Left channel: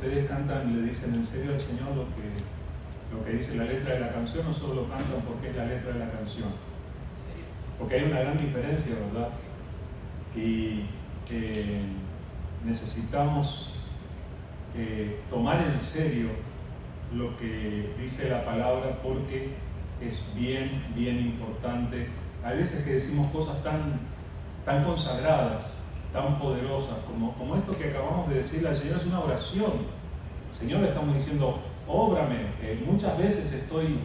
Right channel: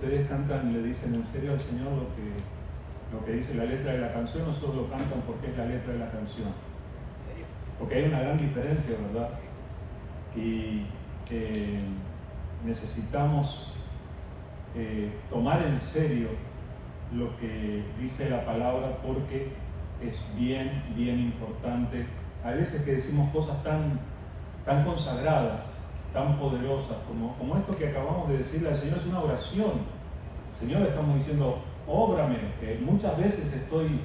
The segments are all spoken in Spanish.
ustedes cantan, le dicen en serio al Señor lo que dice la letra de la canción, o solo lo cantan porque es la letra de la canción? Porque hay una gran diferencia, ¿verdad? Y necesitamos tomar en serio lo que dice la palabra, porque es bien, bien importante. Hay veces que decimos cosas tan consagradas, tan poderosas, como esto que acabamos de decirle al Señor. Es una oración. Señor, estamos diciendo, óbrame. Muchas veces estoy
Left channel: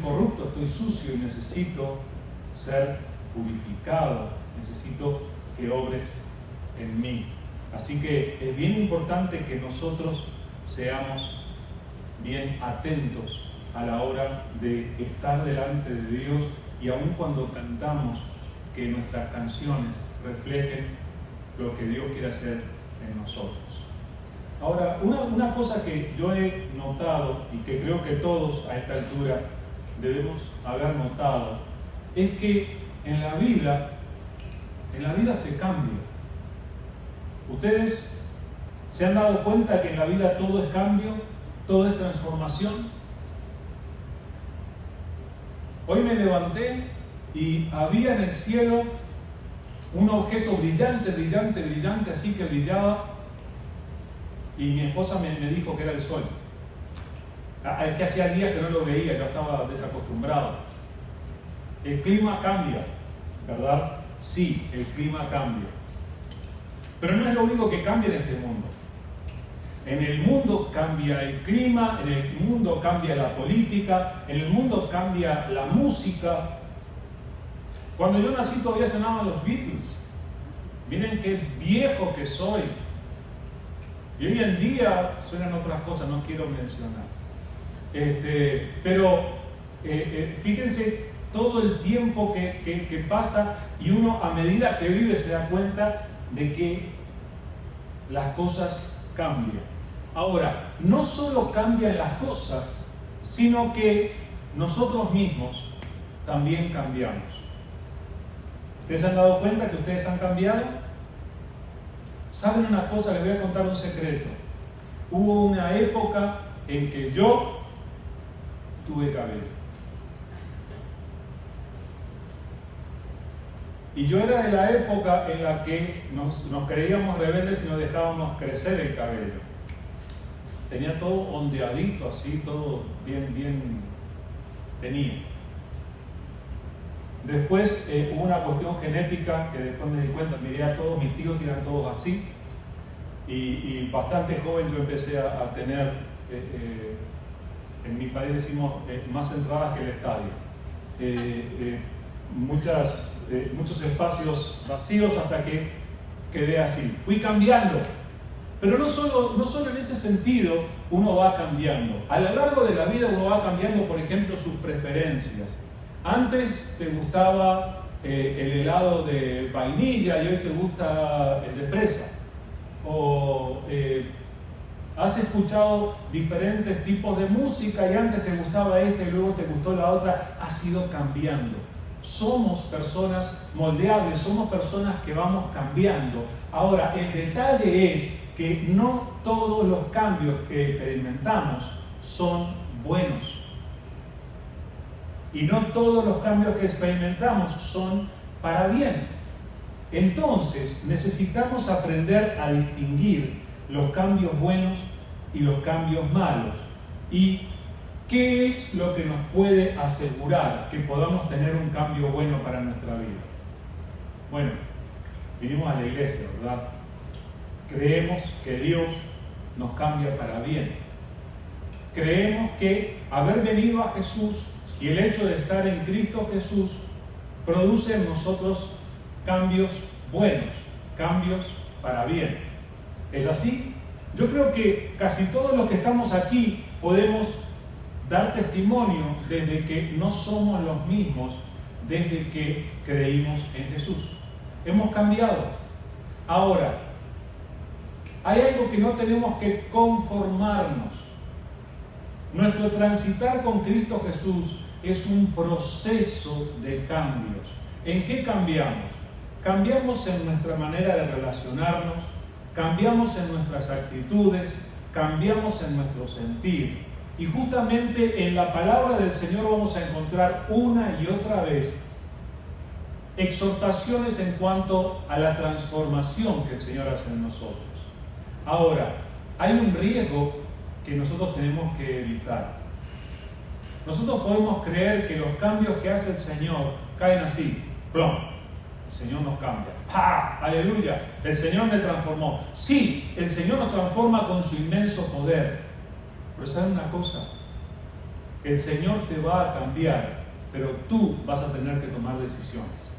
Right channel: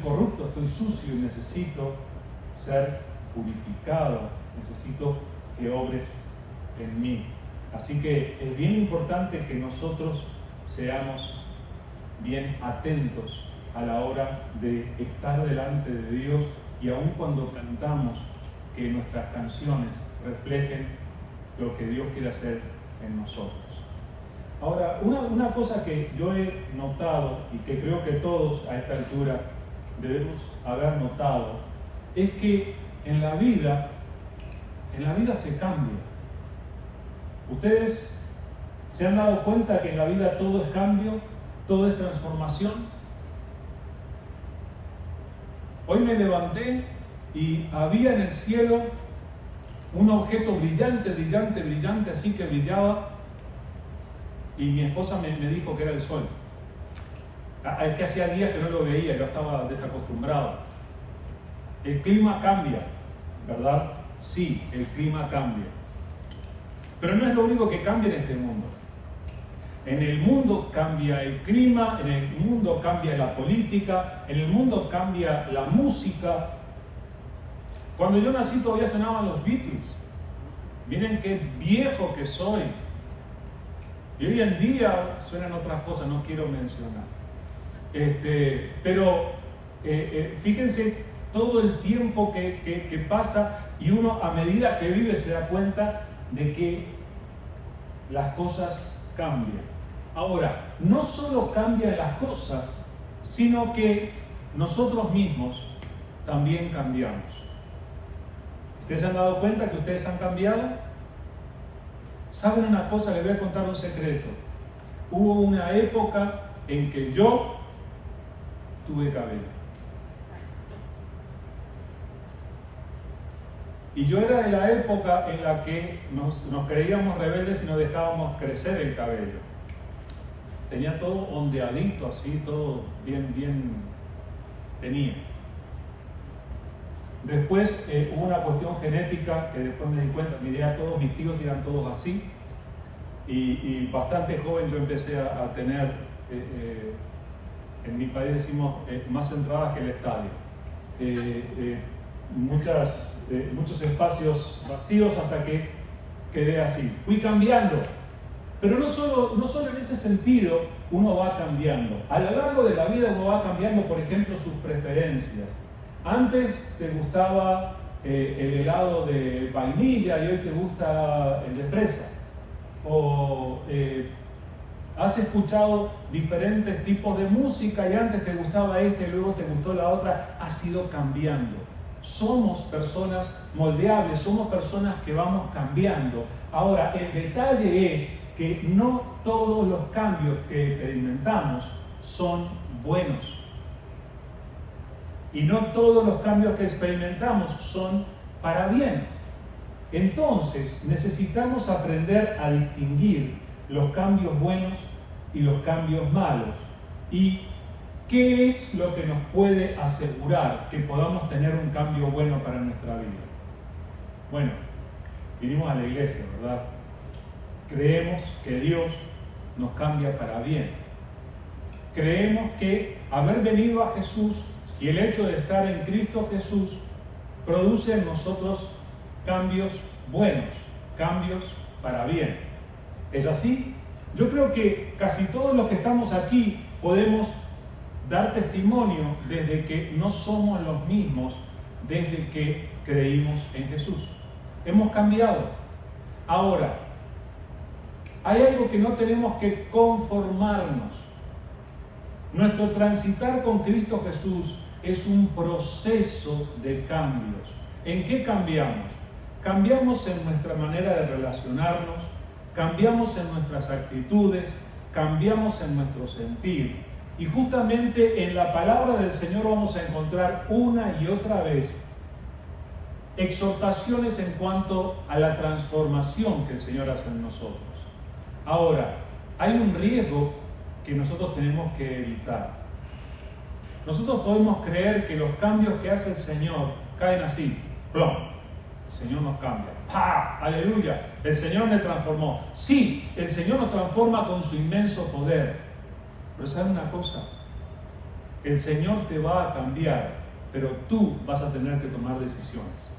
corrupto, estoy sucio y necesito ser purificado, necesito que obres en mí. Así que es bien importante que nosotros seamos bien atentos a la hora de estar delante de Dios, y aun cuando cantamos, que nuestras canciones reflejen lo que Dios quiere hacer en nosotros. Ahora, una cosa que yo he notado, y que creo que todos a esta altura debemos haber notado, es que en la vida se cambia. ¿Ustedes se han dado cuenta que en la vida todo es cambio, todo es transformación? Hoy me levanté y había en el cielo un objeto brillante, brillante, brillante, así que brillaba, y mi esposa me dijo que era el sol. Es que hacía días que no lo veía, yo estaba desacostumbrado. El clima cambia, ¿verdad? Sí, el clima cambia. Pero no es lo único que cambia en este mundo. En el mundo cambia el clima, en el mundo cambia la política, en el mundo cambia la música. Cuando yo nací todavía sonaban los Beatles. Miren qué viejo que soy. Y hoy en día suenan otras cosas, no quiero mencionar. Pero fíjense todo el tiempo que pasa, y uno a medida que vive se da cuenta de que las cosas cambian. Ahora, no solo cambian las cosas, sino que nosotros mismos también cambiamos. ¿Ustedes se han dado cuenta que ustedes han cambiado? ¿Saben una cosa? Les voy a contar un secreto. Hubo una época en que yo tuve cabello. Y yo era de la época en la que nos creíamos rebeldes y nos dejábamos crecer el cabello. Tenía todo ondeadito, así, todo bien tenía. Después hubo una cuestión genética que después me di cuenta, miré a todos mis tíos y eran todos así. Y bastante joven yo empecé a tener, en mi país decimos, más entradas que el estadio. Muchos espacios vacíos hasta que quedé así. Fui cambiando, pero no solo en ese sentido uno va cambiando. A lo largo de la vida uno va cambiando, por ejemplo, sus preferencias. Antes te gustaba el helado de vainilla y hoy te gusta el de fresa. O has escuchado diferentes tipos de música y antes te gustaba esta y luego te gustó la otra. Has ido cambiando. Somos personas moldeables, somos personas que vamos cambiando. Ahora, el detalle es que no todos los cambios que experimentamos son buenos. Y no todos los cambios que experimentamos son para bien. Entonces, necesitamos aprender a distinguir los cambios buenos y los cambios malos. ¿Y qué es lo que nos puede asegurar que podamos tener un cambio bueno para nuestra vida? Bueno, vinimos a la iglesia, ¿verdad? Creemos que Dios nos cambia para bien. Creemos que haber venido a Jesús y el hecho de estar en Cristo Jesús produce en nosotros cambios buenos, cambios para bien. ¿Es así? Yo creo que casi todos los que estamos aquí podemos dar testimonio desde que no somos los mismos desde que creímos en Jesús. Hemos cambiado. Ahora, hay algo que no tenemos que conformarnos. Nuestro transitar con Cristo Jesús es un proceso de cambios. ¿En qué cambiamos? Cambiamos en nuestra manera de relacionarnos, cambiamos en nuestras actitudes, cambiamos en nuestro sentir. Y justamente en la palabra del Señor vamos a encontrar una y otra vez exhortaciones en cuanto a la transformación que el Señor hace en nosotros. Ahora, hay un riesgo que nosotros tenemos que evitar. Nosotros podemos creer que los cambios que hace el Señor caen así, ¡plum! El Señor nos cambia. ¡Pah! ¡Aleluya! El Señor me transformó. Sí, el Señor nos transforma con su inmenso poder. Pero ¿saben una cosa? El Señor te va a cambiar, pero tú vas a tener que tomar decisiones.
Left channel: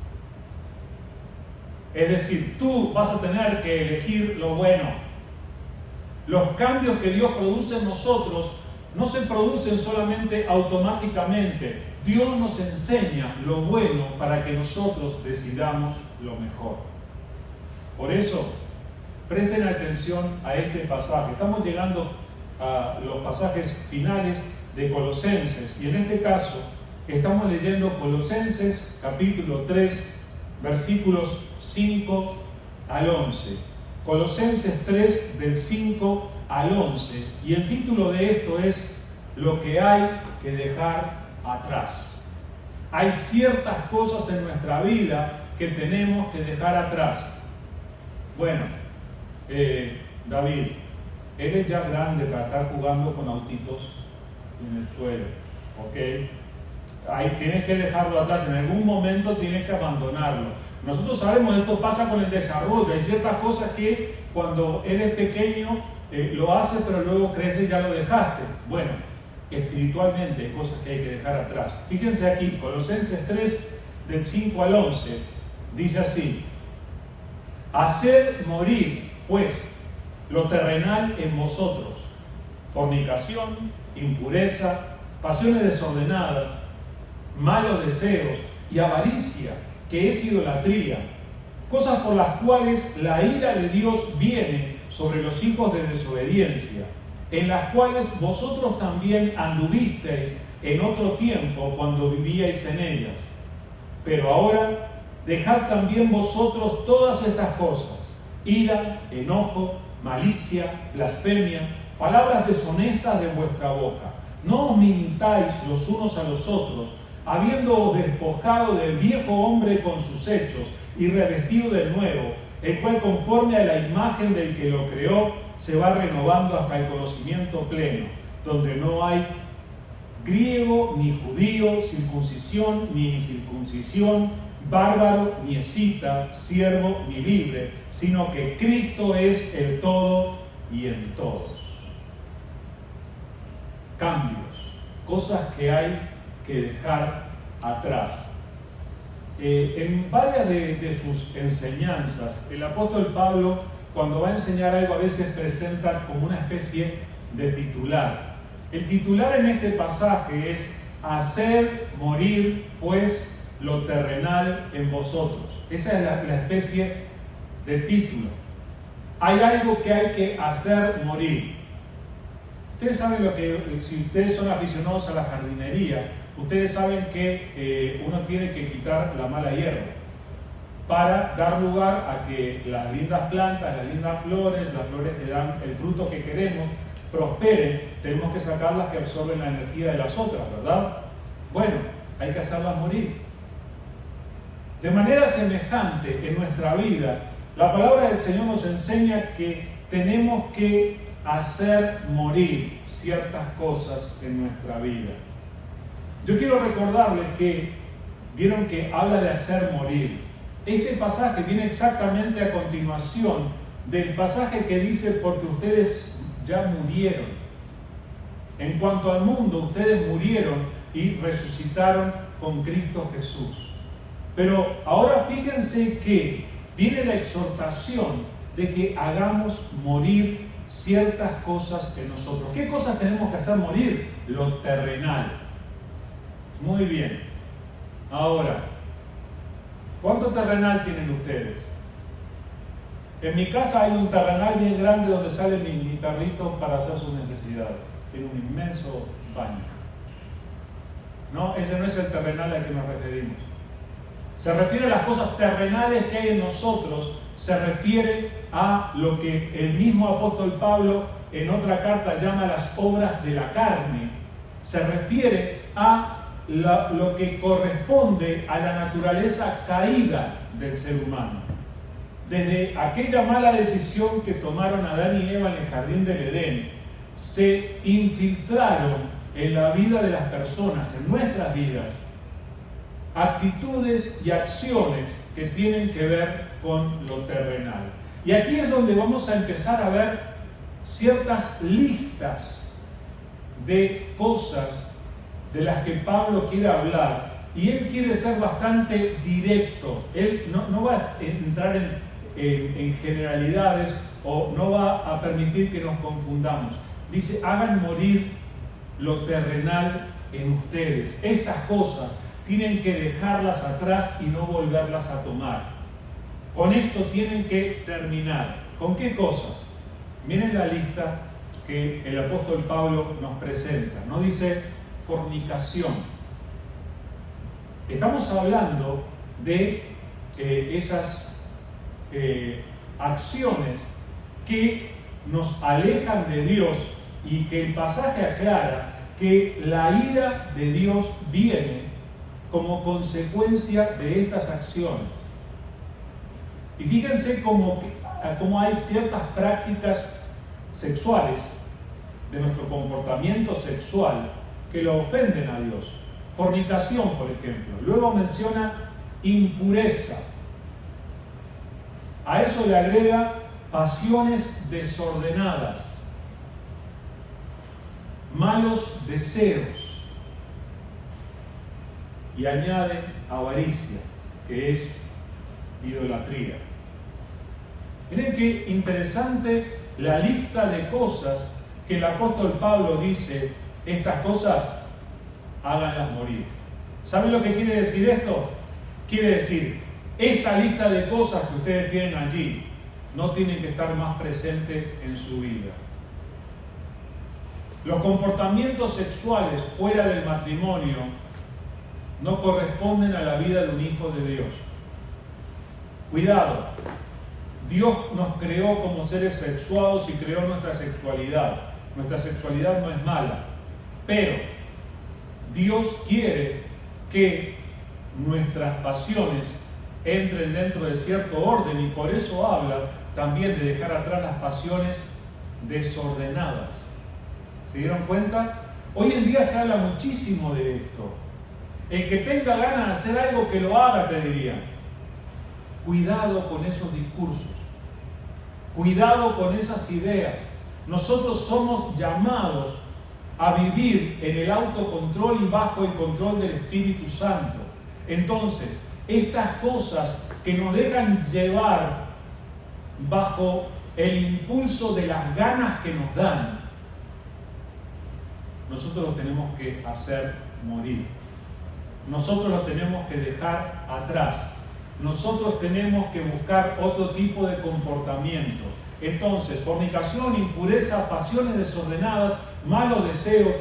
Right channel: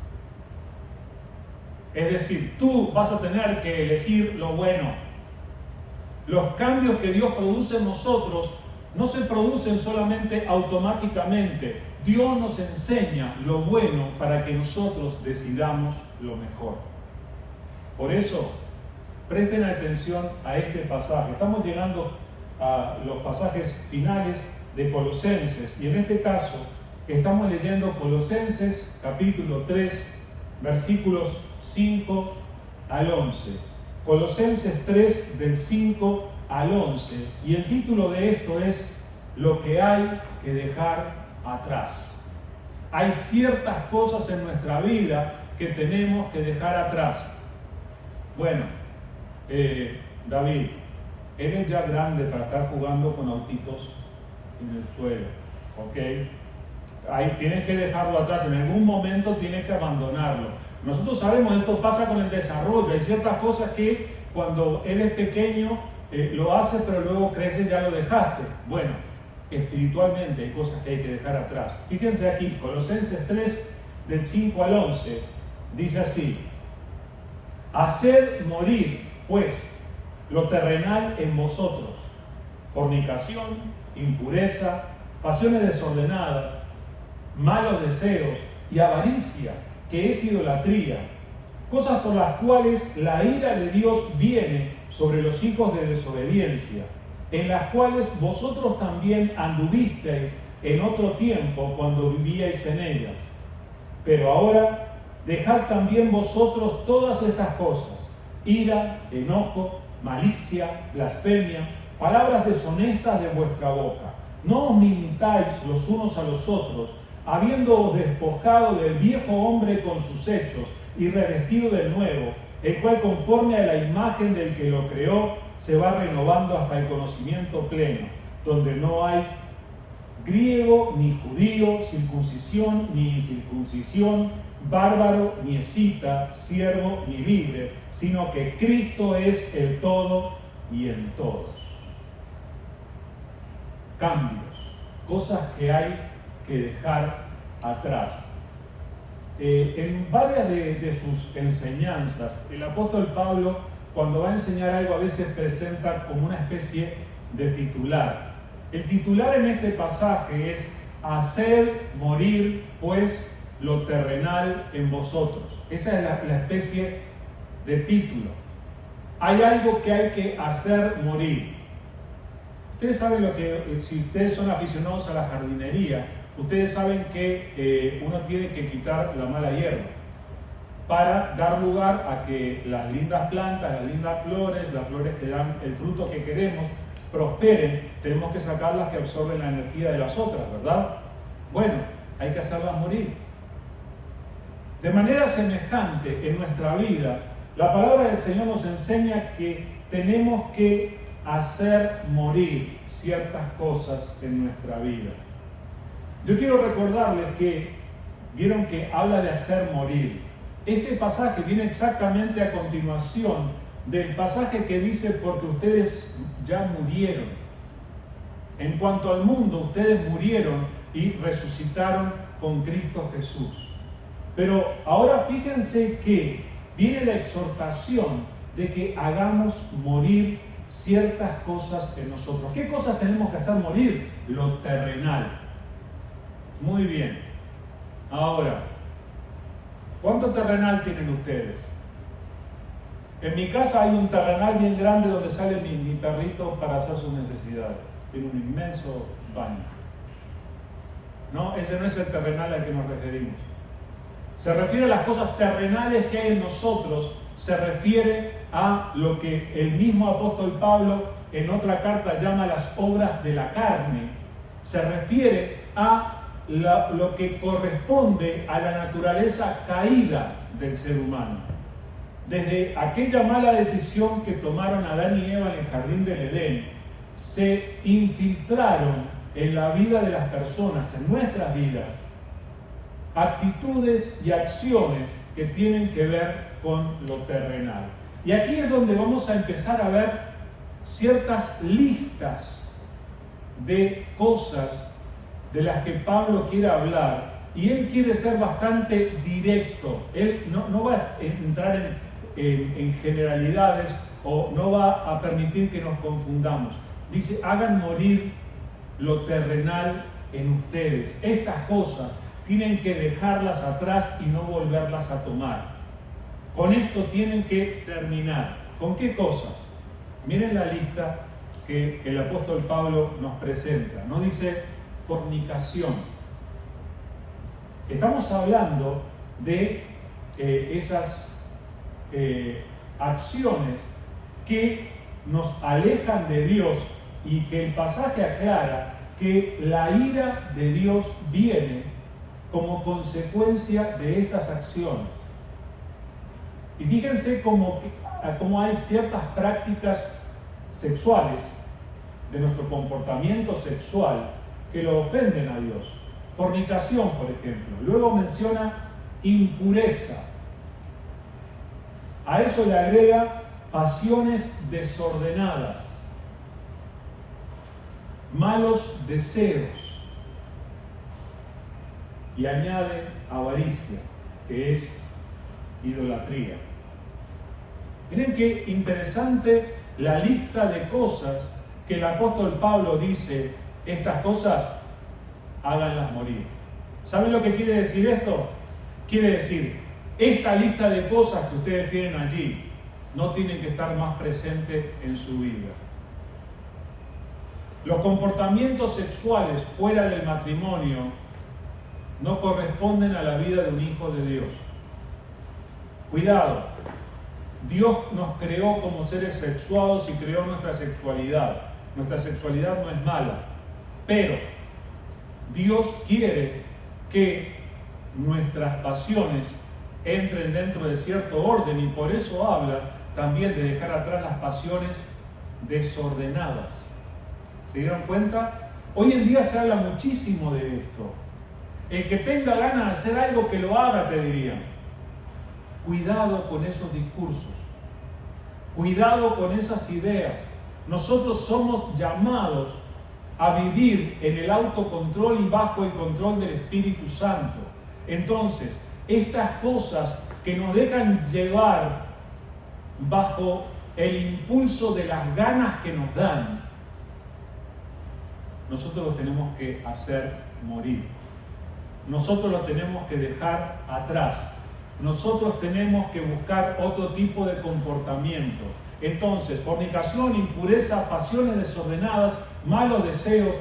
Es decir, tú vas a tener que elegir lo bueno. Los cambios que Dios produce en nosotros no se producen solamente automáticamente. Dios nos enseña lo bueno para que nosotros decidamos lo mejor. Por eso, presten atención a este pasaje. Estamos llegando a los pasajes finales de Colosenses y en este caso estamos leyendo Colosenses capítulo 3, versículos 5 al 11. Colosenses 3 del 5 al 11 y el título de esto es lo que hay que dejar atrás. Hay ciertas cosas en nuestra vida que tenemos que dejar atrás. Bueno, David, eres ya grande para estar jugando con autitos en el suelo, ¿ok? Ahí tienes que dejarlo atrás, en algún momento tienes que abandonarlo. Nosotros sabemos, esto pasa con el desarrollo, hay ciertas cosas que cuando eres pequeño lo haces, pero luego creces y ya lo dejaste. Bueno, espiritualmente hay cosas que hay que dejar atrás. Fíjense aquí, Colosenses 3, del 5 al 11, dice así: haced morir, pues, lo terrenal en vosotros, fornicación, impureza, pasiones desordenadas, malos deseos y avaricia, que es idolatría, cosas por las cuales la ira de Dios viene sobre los hijos de desobediencia, en las cuales vosotros también anduvisteis en otro tiempo cuando vivíais en ellas. Pero ahora dejad también vosotros todas estas cosas: ira, enojo, malicia, blasfemia, palabras deshonestas de vuestra boca. No os mintáis los unos a los otros, habiendo despojado del viejo hombre con sus hechos y revestido del nuevo, el cual conforme a la imagen del que lo creó se va renovando hasta el conocimiento pleno, donde no hay griego ni judío, circuncisión ni incircuncisión, bárbaro ni escita, siervo ni libre, sino que Cristo es el todo y en todos. Cambios, cosas que hay que dejar atrás. En varias de sus enseñanzas, el apóstol Pablo, cuando va a enseñar algo, a veces presenta como una especie de titular. El titular en este pasaje es: hacer morir, pues, lo terrenal en vosotros. Esa es la especie de título. Hay algo que hay que hacer morir. Ustedes saben lo que, si ustedes son aficionados a la jardinería, ustedes saben que uno tiene que quitar la mala hierba para dar lugar a que las lindas plantas, las lindas flores, las flores que dan el fruto que queremos, prosperen. Tenemos que sacarlas que absorben la energía de las otras, ¿verdad? Bueno, hay que hacerlas morir. De manera semejante en nuestra vida, la palabra del Señor nos enseña que tenemos que hacer morir ciertas cosas en nuestra vida. Yo quiero recordarles que, vieron que habla de hacer morir. Este pasaje viene exactamente a continuación del pasaje que dice: porque ustedes ya murieron. En cuanto al mundo, ustedes murieron y resucitaron con Cristo Jesús. Pero ahora fíjense que viene la exhortación de que hagamos morir ciertas cosas en nosotros. ¿Qué cosas tenemos que hacer morir? Lo terrenal. Muy bien. Ahora, ¿cuánto terrenal tienen ustedes? En mi casa hay un terrenal bien grande donde sale mi perrito para hacer sus necesidades. Tiene un inmenso baño. No, ese no es el terrenal al que nos referimos. Se refiere a las cosas terrenales que hay en nosotros, se refiere a lo que el mismo apóstol Pablo en otra carta llama las obras de la carne, se refiere a lo que corresponde a la naturaleza caída del ser humano. Desde aquella mala decisión que tomaron Adán y Eva en el jardín del Edén, se infiltraron en la vida de las personas, en nuestras vidas, actitudes y acciones que tienen que ver con lo terrenal. Y aquí es donde vamos a empezar a ver ciertas listas de cosas de las que Pablo quiere hablar, y él quiere ser bastante directo. Él no va a entrar en generalidades o no va a permitir que nos confundamos. Dice, hagan morir lo terrenal en ustedes. Estas cosas tienen que dejarlas atrás y no volverlas a tomar. Con esto tienen que terminar. ¿Con qué cosas? Miren la lista que el apóstol Pablo nos presenta. No dice fornicación. Estamos hablando de esas acciones que nos alejan de Dios, y que el pasaje aclara que la ira de Dios viene como consecuencia de estas acciones. Y fíjense cómo hay ciertas prácticas sexuales de nuestro comportamiento sexual que lo ofenden a Dios. Fornicación, por ejemplo. Luego menciona impureza. A eso le agrega pasiones desordenadas, malos deseos, y añade avaricia, que es idolatría. Miren qué interesante la lista de cosas que el apóstol Pablo dice, estas cosas háganlas morir. ¿Saben lo que quiere decir esto? Quiere decir, esta lista de cosas que ustedes tienen allí no tienen que estar más presentes en su vida. Los comportamientos sexuales fuera del matrimonio no corresponden a la vida de un hijo de Dios. Cuidado, Dios nos creó como seres sexuados y creó nuestra sexualidad. Nuestra sexualidad no es mala, pero Dios quiere que nuestras pasiones entren dentro de cierto orden, y por eso habla también de dejar atrás las pasiones desordenadas. ¿Se dieron cuenta? Hoy en día se habla muchísimo de esto. El que tenga ganas de hacer algo, que lo haga, te diría. Cuidado con esos discursos. Cuidado con esas ideas. Nosotros somos llamados a vivir en el autocontrol y bajo el control del Espíritu Santo. Entonces, estas cosas que nos dejan llevar bajo el impulso de las ganas que nos dan, nosotros los tenemos que hacer morir. Nosotros los tenemos que dejar atrás. Nosotros tenemos que buscar otro tipo de comportamiento. Entonces, fornicación, impureza, pasiones desordenadas, malos deseos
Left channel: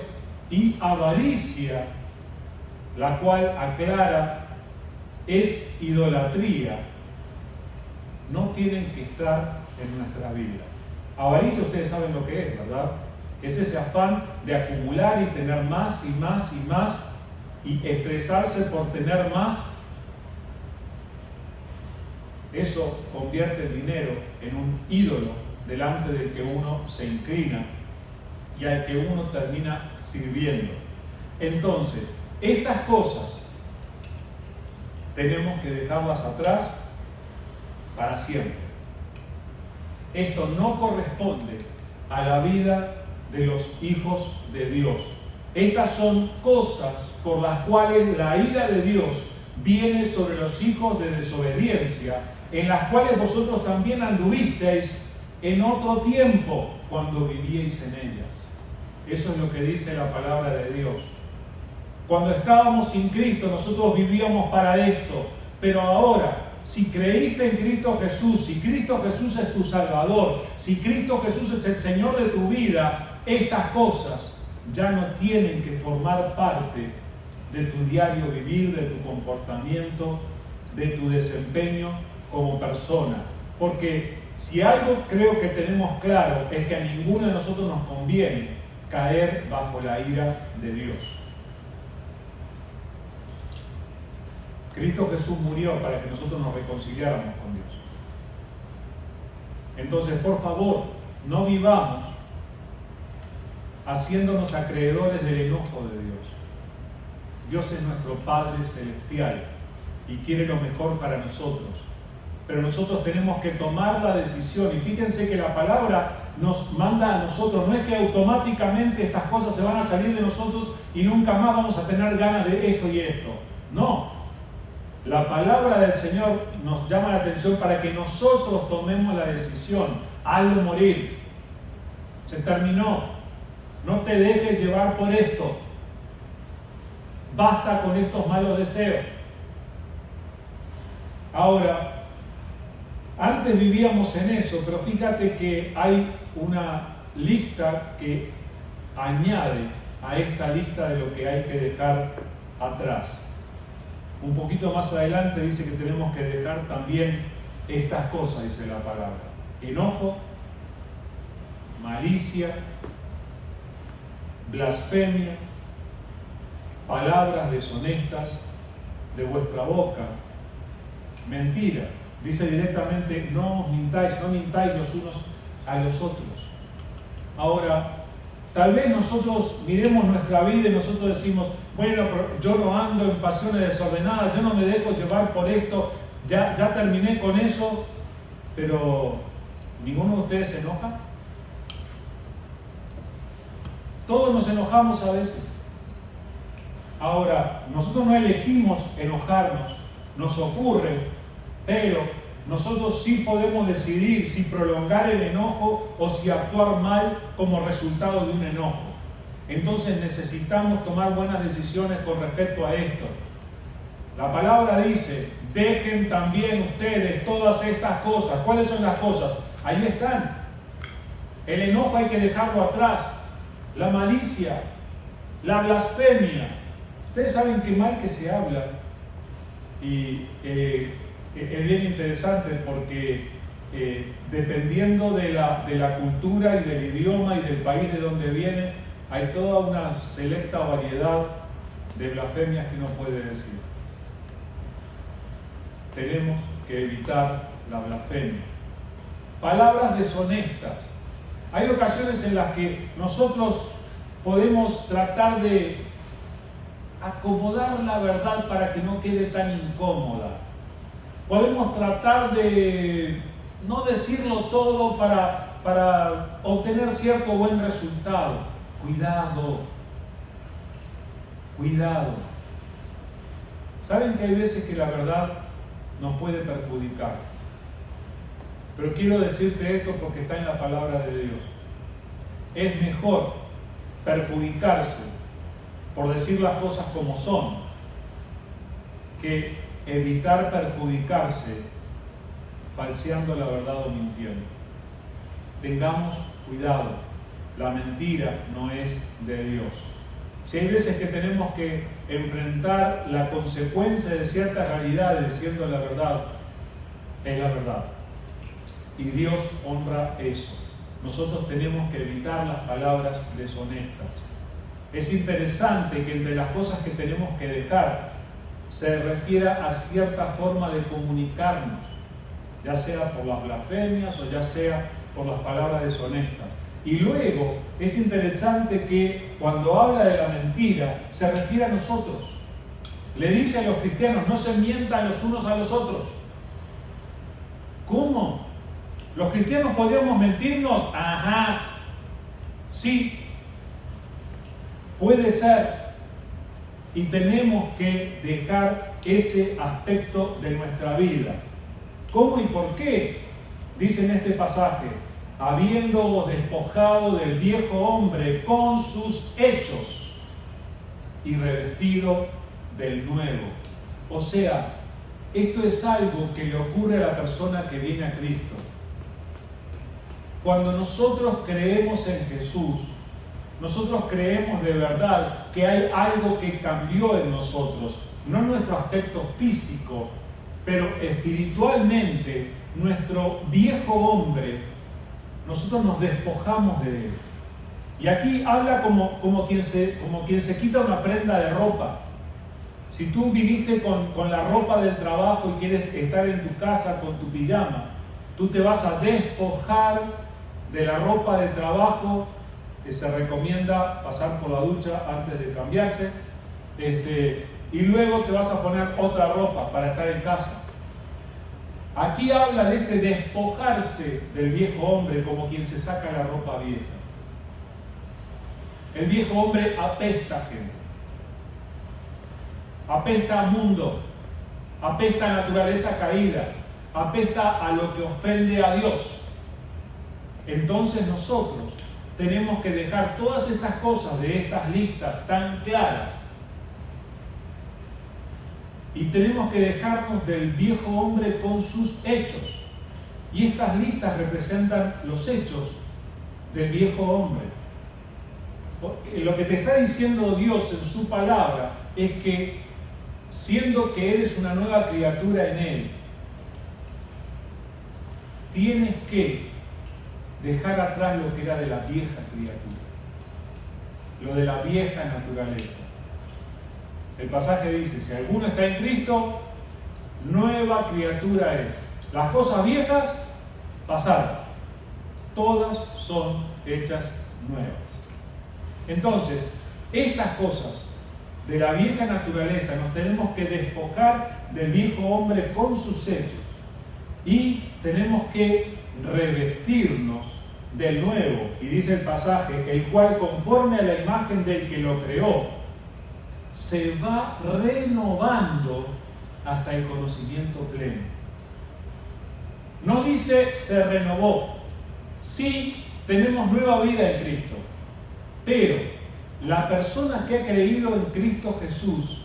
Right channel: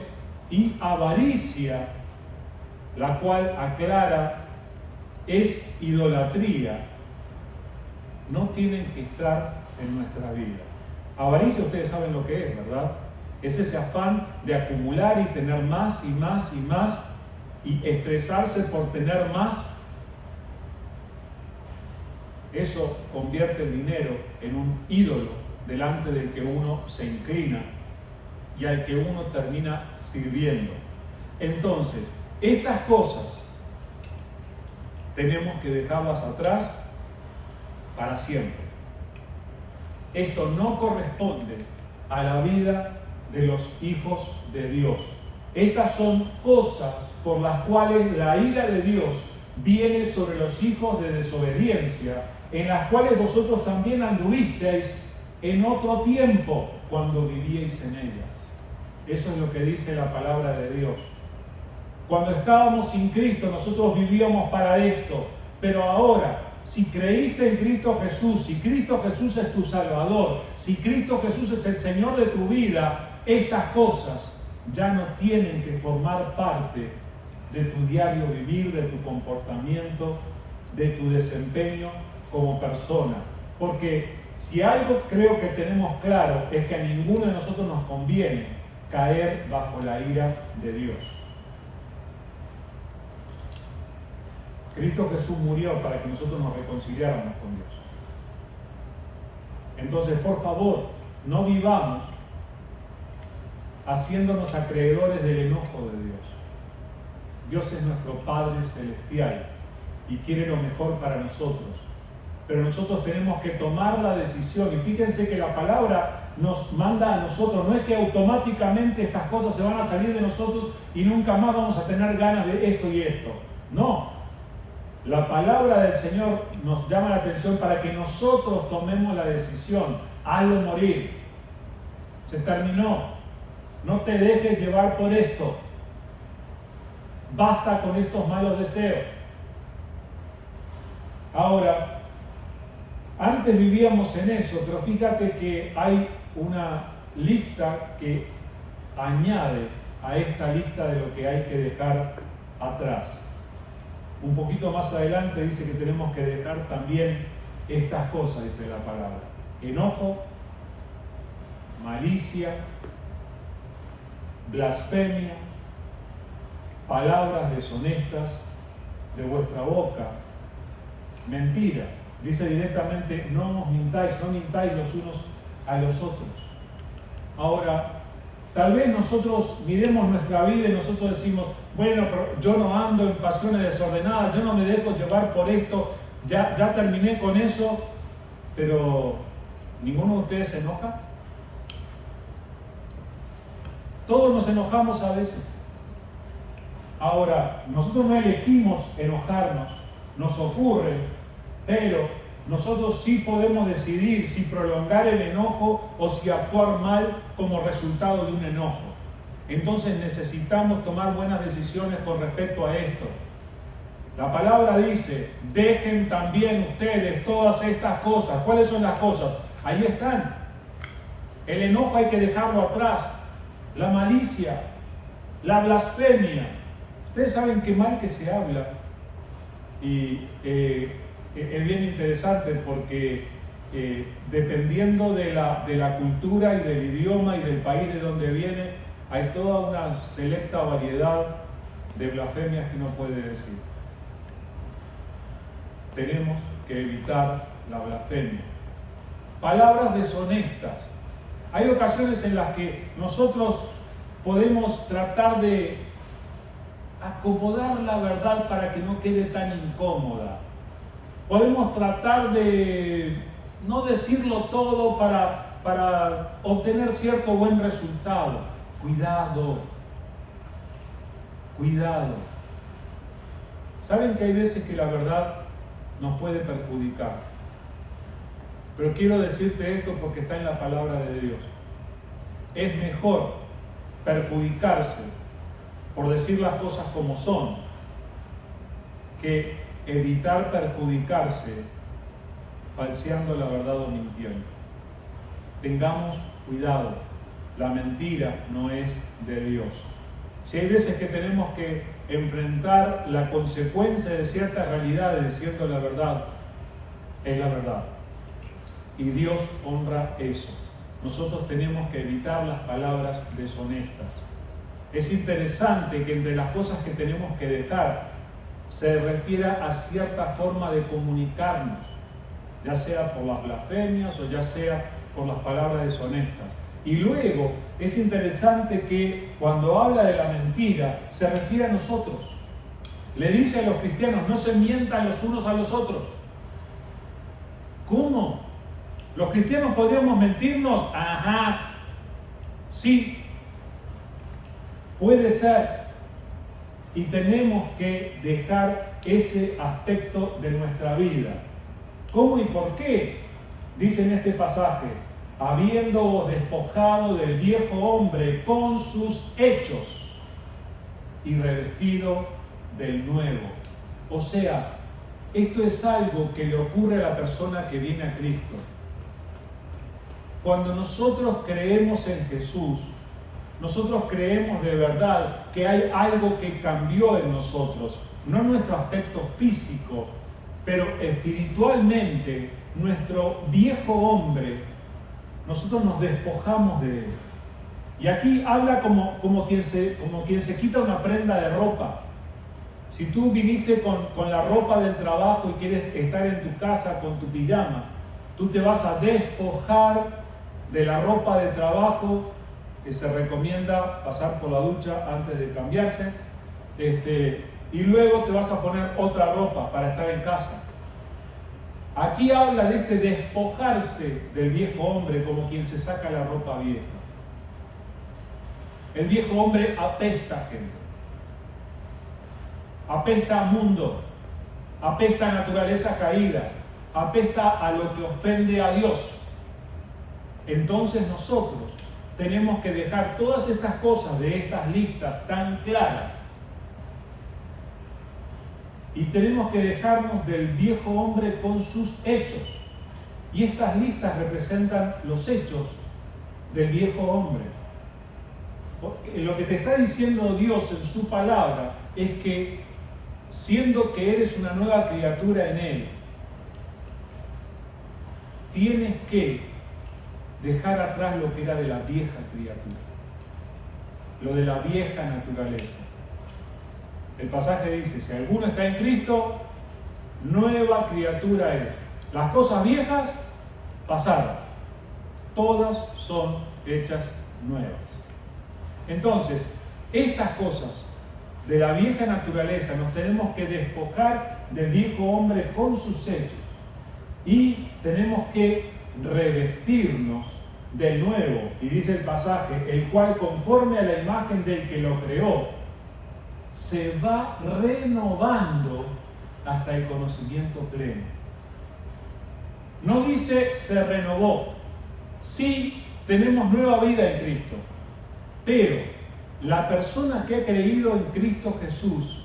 y avaricia, la cual aclara es idolatría, no tienen que estar en nuestra vida. Avaricia, ustedes saben lo que es, ¿verdad? Es ese afán de acumular y tener más y más y más, y estresarse por tener más. Eso convierte el dinero en un ídolo delante del que uno se inclina y al que uno termina sirviendo. Entonces, estas cosas tenemos que dejarlas atrás para siempre. Esto no corresponde a la vida de los hijos de Dios. Estas son cosas por las cuales la ira de Dios viene sobre los hijos de desobediencia, en las cuales vosotros también anduvisteis en otro tiempo cuando vivíais en ellas. Eso es lo que dice la palabra de Dios. Cuando estábamos sin Cristo, nosotros vivíamos para esto, pero ahora, si creíste en Cristo Jesús, si Cristo Jesús es tu Salvador, si Cristo Jesús es el Señor de tu vida, estas cosas ya no tienen que formar parte de tu diario vivir, de tu comportamiento, de tu desempeño como persona, porque si algo creo que tenemos claro es que a ninguno de nosotros nos conviene caer bajo la ira de Dios. Cristo Jesús murió para que nosotros nos reconciliáramos con Dios. Entonces, por favor, no vivamos haciéndonos acreedores del enojo de Dios. Dios es nuestro Padre Celestial y quiere lo mejor para nosotros. Pero nosotros tenemos que tomar la decisión. Y fíjense que la palabra nos manda a nosotros. No es que automáticamente estas cosas se van a salir de nosotros y nunca más vamos a tener ganas de esto y esto. No. La palabra del Señor nos llama la atención para que nosotros tomemos la decisión. Hazlo morir. Se terminó. No te dejes llevar por esto. Basta con estos malos deseos. Ahora, antes vivíamos en eso, pero fíjate que hay una lista que añade a esta lista de lo que hay que dejar atrás. Un poquito más adelante dice que tenemos que dejar también estas cosas, dice la palabra: enojo, malicia, blasfemia, palabras deshonestas de vuestra boca, mentira. Dice directamente: no mintáis los unos a los otros. Ahora, tal vez nosotros miremos nuestra vida y nosotros decimos: bueno, pero yo no ando en pasiones desordenadas, yo no me dejo llevar por esto, ya terminé con eso. Pero ¿ninguno de ustedes se enoja? Todos nos enojamos a veces. Ahora, nosotros no elegimos enojarnos, nos ocurre, pero nosotros sí podemos decidir si prolongar el enojo o si actuar mal como resultado de un enojo. Entonces necesitamos tomar buenas decisiones con respecto a esto. La palabra dice: dejen también ustedes todas estas cosas. ¿Cuáles son las cosas? Ahí están. El enojo hay que dejarlo atrás. La malicia, la blasfemia. Ustedes saben qué mal que se habla. Y es bien interesante porque dependiendo de la cultura y del idioma y del país de donde viene, hay toda una selecta variedad de blasfemias que uno puede decir. Tenemos que evitar la blasfemia. Palabras deshonestas. Hay ocasiones en las que nosotros podemos tratar de acomodar la verdad para que no quede tan incómoda. Podemos tratar de no decirlo todo para obtener cierto buen resultado. Cuidado. Cuidado. Saben que hay veces que la verdad nos puede perjudicar. Pero quiero decirte esto porque está en la palabra de Dios. Es mejor perjudicarse por decir las cosas como son que evitar perjudicarse falseando la verdad o mintiendo. Tengamos cuidado. La mentira no es de Dios. Si hay veces que tenemos que enfrentar la consecuencia de ciertas realidades diciendo la verdad, es la verdad. Y Dios honra eso. Nosotros tenemos que evitar las palabras deshonestas. Es interesante que entre las cosas que tenemos que dejar se refiera a cierta forma de comunicarnos, ya sea por las blasfemias o ya sea por las palabras deshonestas. Y luego es interesante que cuando habla de la mentira se refiere a nosotros. Le dice a los cristianos: no se mientan los unos a los otros. ¿Cómo? ¿Los cristianos podríamos mentirnos? Ajá, sí, puede ser. Y tenemos que dejar ese aspecto de nuestra vida. ¿Cómo y por qué? Dice en este pasaje: habiéndoos despojado del viejo hombre con sus hechos y revestido del nuevo. O sea, esto es algo que le ocurre a la persona que viene a Cristo. Cuando nosotros creemos en Jesús, nosotros creemos de verdad que hay algo que cambió en nosotros, no en nuestro aspecto físico, pero espiritualmente nuestro viejo hombre, nosotros nos despojamos de él. Y aquí habla como quien se quita una prenda de ropa. Si tú viniste con la ropa del trabajo y quieres estar en tu casa con tu pijama, tú te vas a despojar de la ropa de trabajo, que se recomienda pasar por la ducha antes de cambiarse, y luego te vas a poner otra ropa para estar en casa. Aquí habla de este despojarse del viejo hombre como quien se saca la ropa vieja. El viejo hombre apesta, gente. Apesta a mundo, apesta a naturaleza caída, apesta a lo que ofende a Dios. Entonces nosotros tenemos que dejar todas estas cosas de estas listas tan claras y tenemos que dejarnos del viejo hombre con sus hechos. Y estas listas representan los hechos del viejo hombre. Lo que te está diciendo Dios en su palabra es que siendo que eres una nueva criatura en Él, tienes que dejar atrás lo que era de la vieja criatura, lo de la vieja naturaleza. El pasaje dice, si alguno está en Cristo, nueva criatura es. Las cosas viejas pasaron, todas son hechas nuevas. Entonces, estas cosas de la vieja naturaleza nos tenemos que despojar del viejo hombre con sus hechos y tenemos que revestirnos del nuevo, y dice el pasaje, el cual conforme a la imagen del que lo creó, se va renovando hasta el conocimiento pleno. No dice se renovó, sí tenemos nueva vida en Cristo, pero la persona que ha creído en Cristo Jesús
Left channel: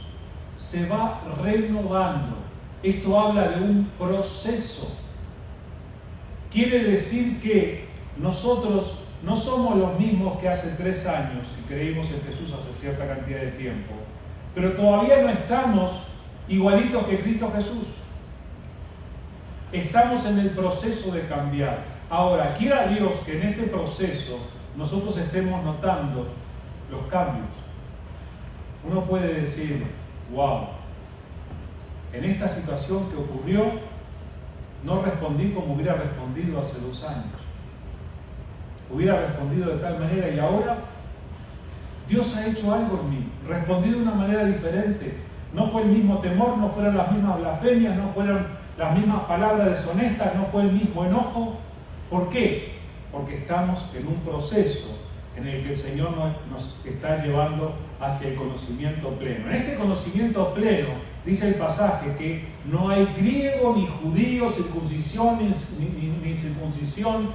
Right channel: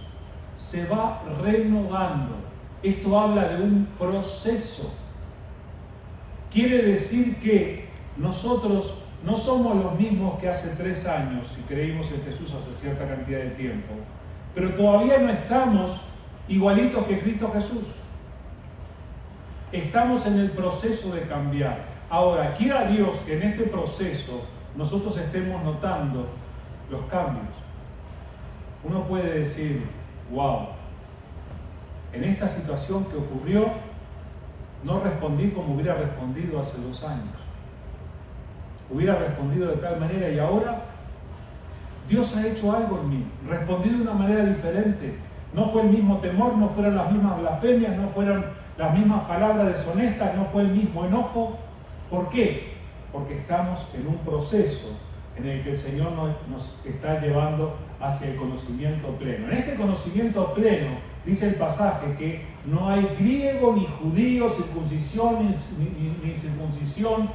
se va renovando. Esto habla de un proceso. Quiere decir que nosotros no somos los mismos que hace 3 años y creímos en Jesús hace cierta cantidad de tiempo, pero todavía no estamos igualitos que Cristo Jesús. Estamos en el proceso de cambiar. Ahora, quiera Dios que en este proceso nosotros estemos notando los cambios. Uno puede decir, wow, en esta situación que ocurrió, no respondí como hubiera respondido hace 2 años. Hubiera respondido de tal manera y ahora Dios ha hecho algo en mí. Respondí de una manera diferente. No fue el mismo temor, no fueron las mismas blasfemias, no fueron las mismas palabras deshonestas, no fue el mismo enojo. ¿Por qué? Porque estamos en un proceso en el que el Señor nos está llevando hacia el conocimiento pleno. En este conocimiento pleno, dice el pasaje, que no hay griego ni judío, circuncisión ni circuncisión,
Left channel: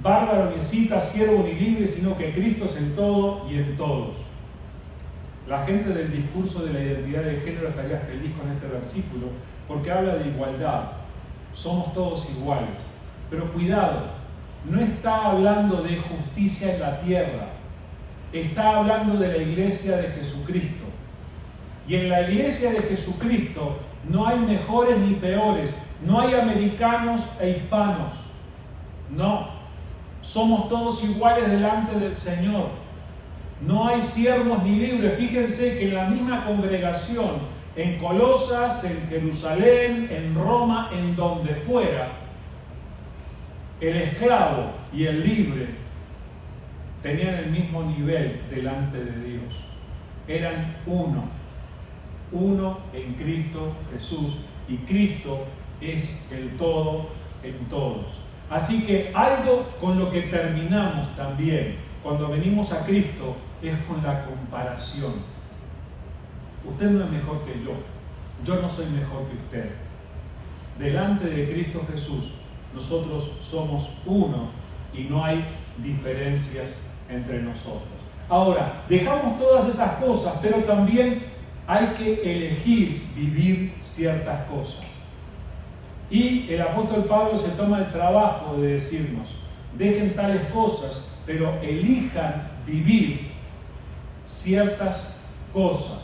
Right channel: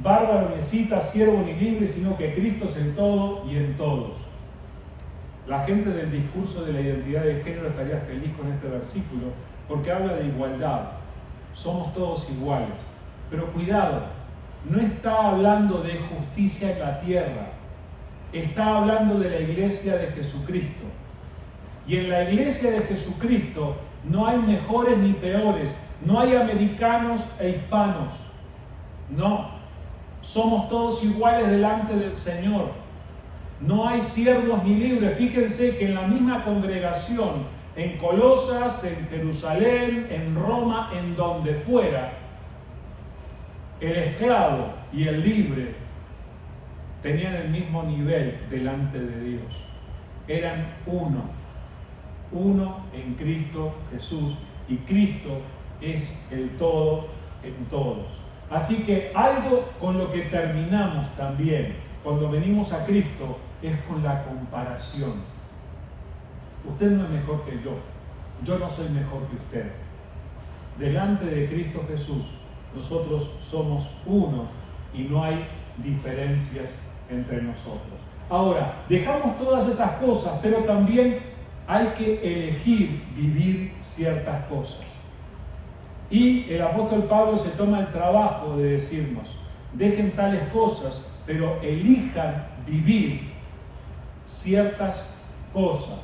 bárbaro ni escita, siervo ni libre, sino que Cristo es el todo y en todos. La gente del discurso de la identidad de género estaría feliz con este versículo porque habla de igualdad. Somos todos iguales. Pero cuidado, no está hablando de justicia en la tierra, está hablando de la iglesia de Jesucristo. Y en la iglesia de Jesucristo no hay mejores ni peores, no hay americanos e hispanos, no, somos todos iguales delante del Señor, no hay siervos ni libres. Fíjense que en la misma congregación, en Colosas, en Jerusalén, en Roma, en donde fuera, el esclavo y el libre tenían el mismo nivel delante de Dios. Eran uno en Cristo Jesús, y Cristo es el todo en todos. Así que algo con lo que terminamos también cuando venimos a Cristo es con la comparación. Usted no es mejor que yo no soy mejor que usted. Delante de Cristo Jesús nosotros somos uno y no hay diferencias entre nosotros. Ahora, dejamos todas esas cosas, pero también hay que elegir vivir ciertas cosas. Y el apóstol Pablo se toma el trabajo de decirnos, dejen tales cosas, pero elijan vivir ciertas cosas.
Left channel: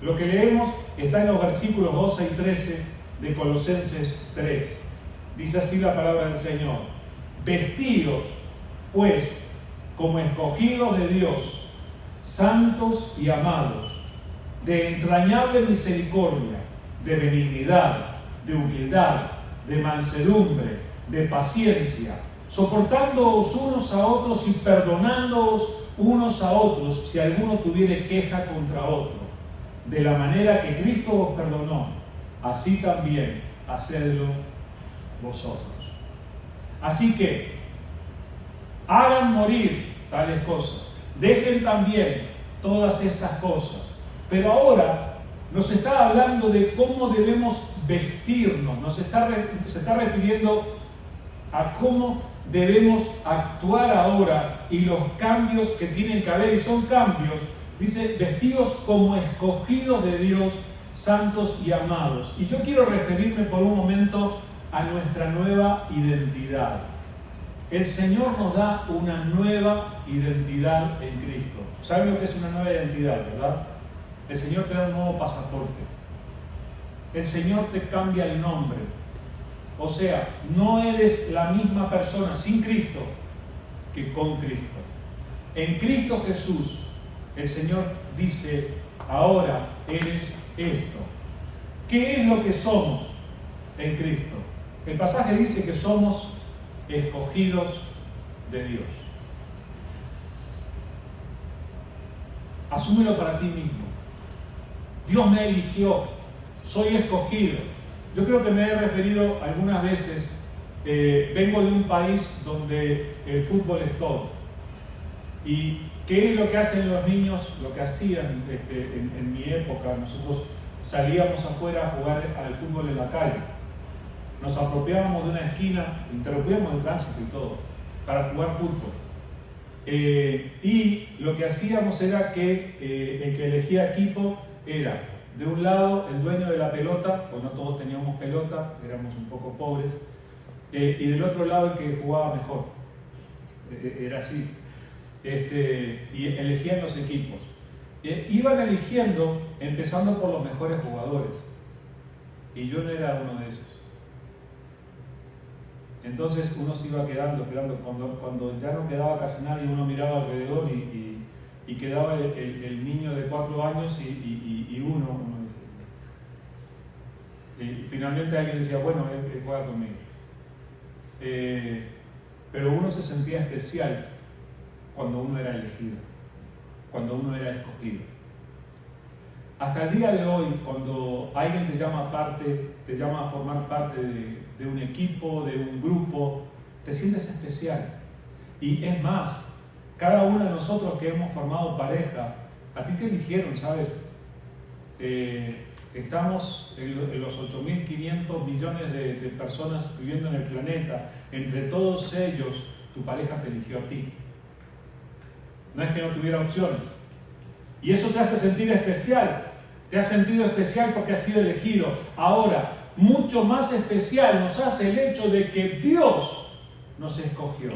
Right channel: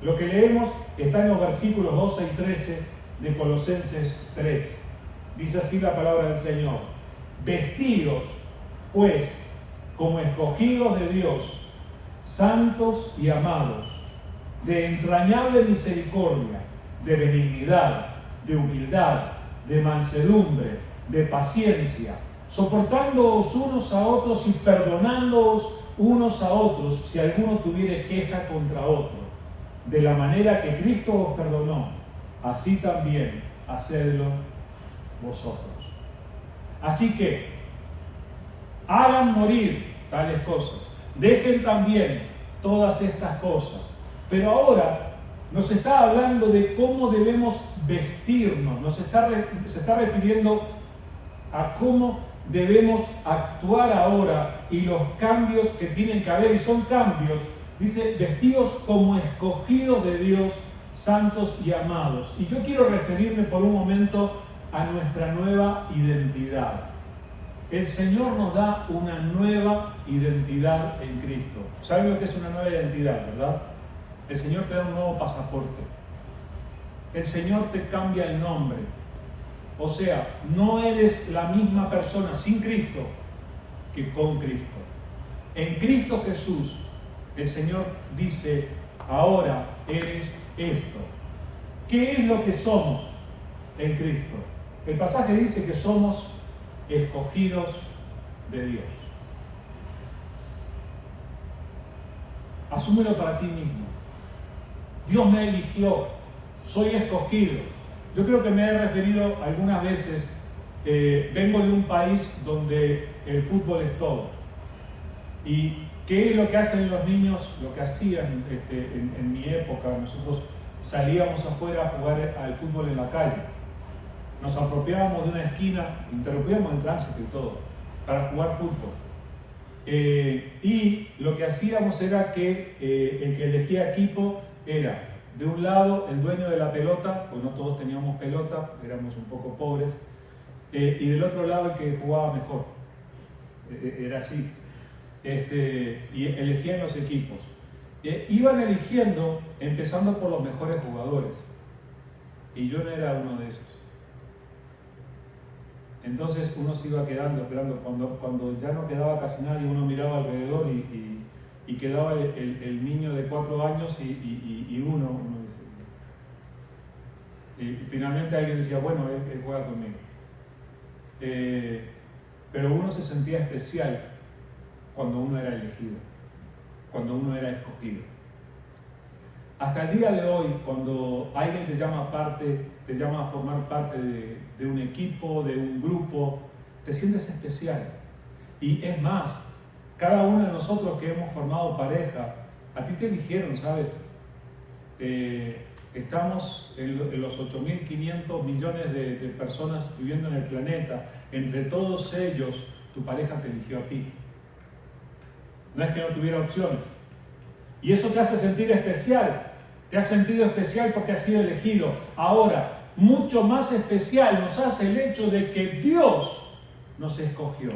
Lo que leemos está en los versículos 12 y 13 de Colosenses 3. Dice así la palabra del Señor: vestidos, pues, como escogidos de Dios, santos y amados, de entrañable misericordia, de benignidad, de humildad, de mansedumbre, de paciencia, soportándoos unos a otros y perdonándoos unos a otros si alguno tuviere queja contra otro. De la manera que Cristo os perdonó, así también hacedlo vosotros. Así que hagan morir tales cosas, dejen también todas estas cosas. Pero ahora nos está hablando de cómo debemos vestirnos, se está refiriendo a cómo debemos actuar ahora y los cambios que tienen que haber, y son cambios, dice, vestidos como escogidos de Dios, santos y amados. Y yo quiero referirme por un momento a nuestra nueva identidad. El Señor nos da una nueva identidad en Cristo. ¿Saben lo que es una nueva identidad, verdad? El Señor te da un nuevo pasaporte. El Señor te cambia el nombre. O sea, no eres la misma persona sin Cristo que con Cristo. En Cristo Jesús, el Señor dice, ahora eres esto. ¿Qué es lo que somos en Cristo? El pasaje dice que somos escogidos de Dios. Asúmelo para ti mismo. Dios me eligió, soy escogido. Yo creo que me he referido algunas veces, vengo de un país donde el fútbol es todo. ¿Y qué es lo que hacen los niños? Lo que hacían en mi época, nosotros salíamos afuera a jugar al fútbol en la calle. Nos apropiábamos de una esquina, interrumpíamos el tránsito y todo, para jugar fútbol. Y lo que hacíamos era que el que elegía equipo era, de un lado, el dueño de la pelota, pues no todos teníamos pelota, éramos un poco pobres, y del otro lado el que jugaba mejor. Era así. Y elegían los equipos. Iban eligiendo, empezando por los mejores jugadores. Y yo no era uno de esos. Entonces uno se iba quedando, esperando, cuando ya no quedaba casi nadie, uno miraba alrededor y quedaba el niño de 4 años y uno dice, y finalmente alguien decía, bueno, él juega conmigo. Pero uno se sentía especial cuando uno era elegido, cuando uno era escogido. Hasta el día de hoy, cuando alguien te llama a formar parte de un equipo, de un grupo, te sientes especial. Y es más, cada uno de nosotros que hemos formado pareja, a ti te eligieron, ¿sabes? Estamos en los 8.500 millones de personas viviendo en el planeta. Entre todos ellos, tu pareja te eligió a ti. No es que no tuviera opciones. Y eso te hace sentir especial. Te has sentido especial porque has sido elegido. Ahora, mucho más especial nos hace el hecho de que Dios nos escogió.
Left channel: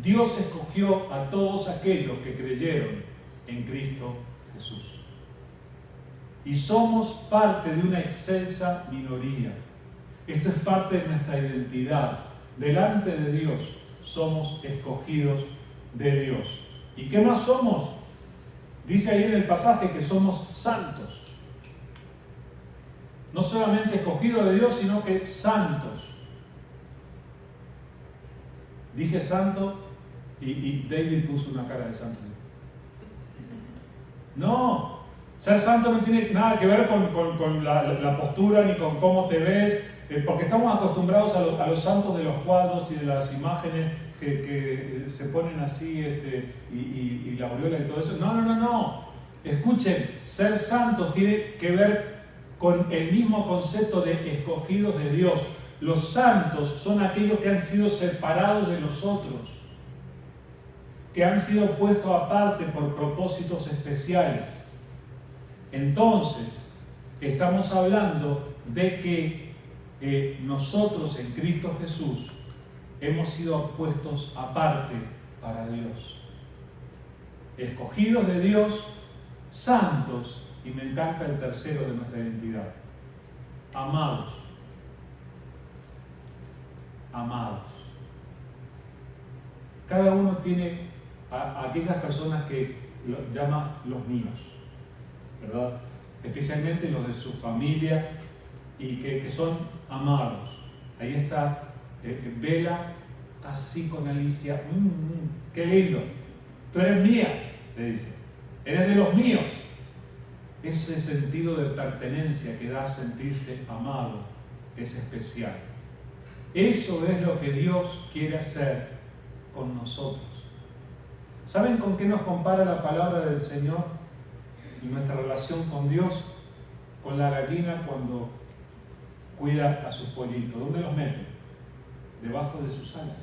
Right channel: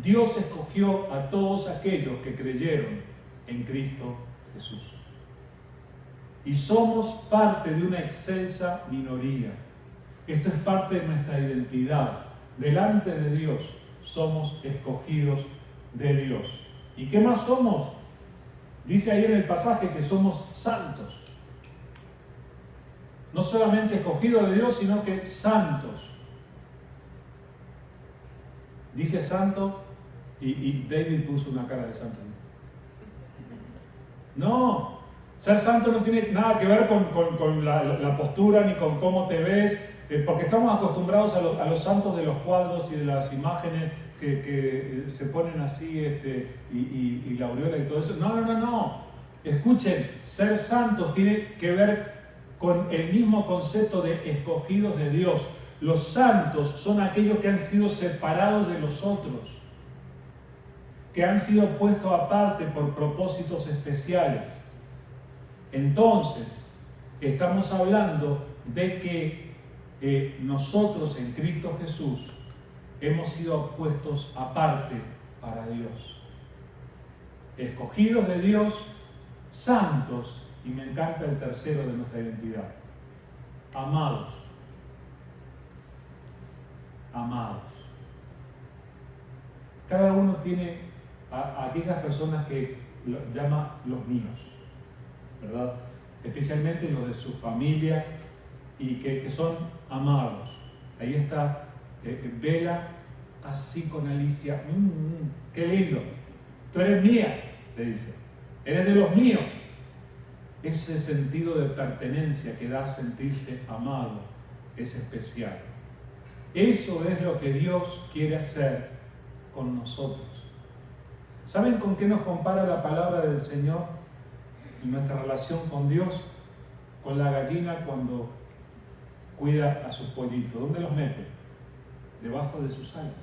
Dios escogió a todos aquellos que creyeron en Cristo Jesús. Y somos parte de una excelsa minoría. Esto es parte de nuestra identidad. Delante de Dios somos escogidos de Dios. ¿Y qué más somos? Dice ahí en el pasaje que somos santos. No solamente escogidos de Dios, sino que santos. Dije santo y David puso una cara de santo. No, ser santo no tiene nada que ver con la postura ni con cómo te ves, porque estamos acostumbrados a los santos de los cuadros y de las imágenes que se ponen así y la aureola y todo eso. No. Escuchen, ser santos tiene que ver con el mismo concepto de escogidos de Dios. Los santos son aquellos que han sido separados de los otros, que han sido puestos aparte por propósitos especiales. Entonces, estamos hablando de que nosotros en Cristo Jesús hemos sido puestos aparte para Dios. Escogidos de Dios, santos, y me encanta el tercero de nuestra identidad, amados. amados. Cada uno tiene a aquellas personas que lo llama los míos, ¿verdad? Especialmente los de su familia y que son amados. Ahí está Vela, así con Alicia. ¡Qué lindo! Tú eres mía, le dice. Eres de los míos. Ese sentido de pertenencia que da a sentirse amado es especial. Eso es lo que Dios quiere hacer con nosotros. ¿Saben con qué nos compara la palabra del Señor en nuestra relación con Dios? Con la gallina cuando cuida a sus pollitos. ¿Dónde los mete? Debajo de sus alas.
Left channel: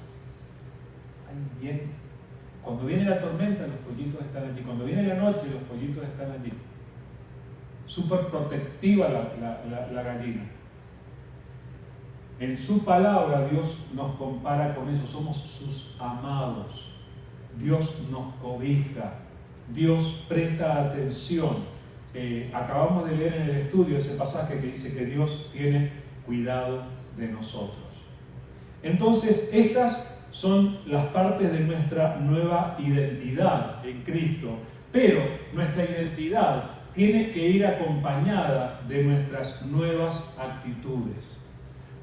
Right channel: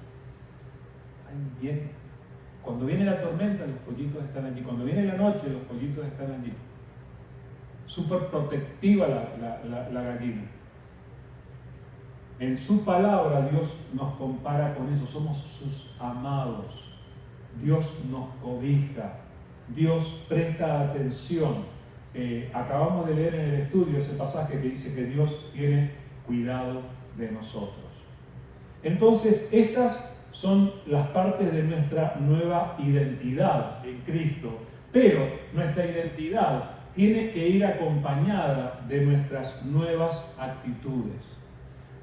Ahí viene. Cuando viene la tormenta, los pollitos están allí. Cuando viene la noche, los pollitos están allí. Súper protectiva la gallina. En su palabra Dios nos compara con eso. Somos sus amados. Dios nos cobija. Dios presta atención. Acabamos de leer en el estudio ese pasaje que dice que Dios tiene cuidado de nosotros. Entonces, estas son las partes de nuestra nueva identidad en Cristo. Pero nuestra identidad tiene que ir acompañada de nuestras nuevas actitudes.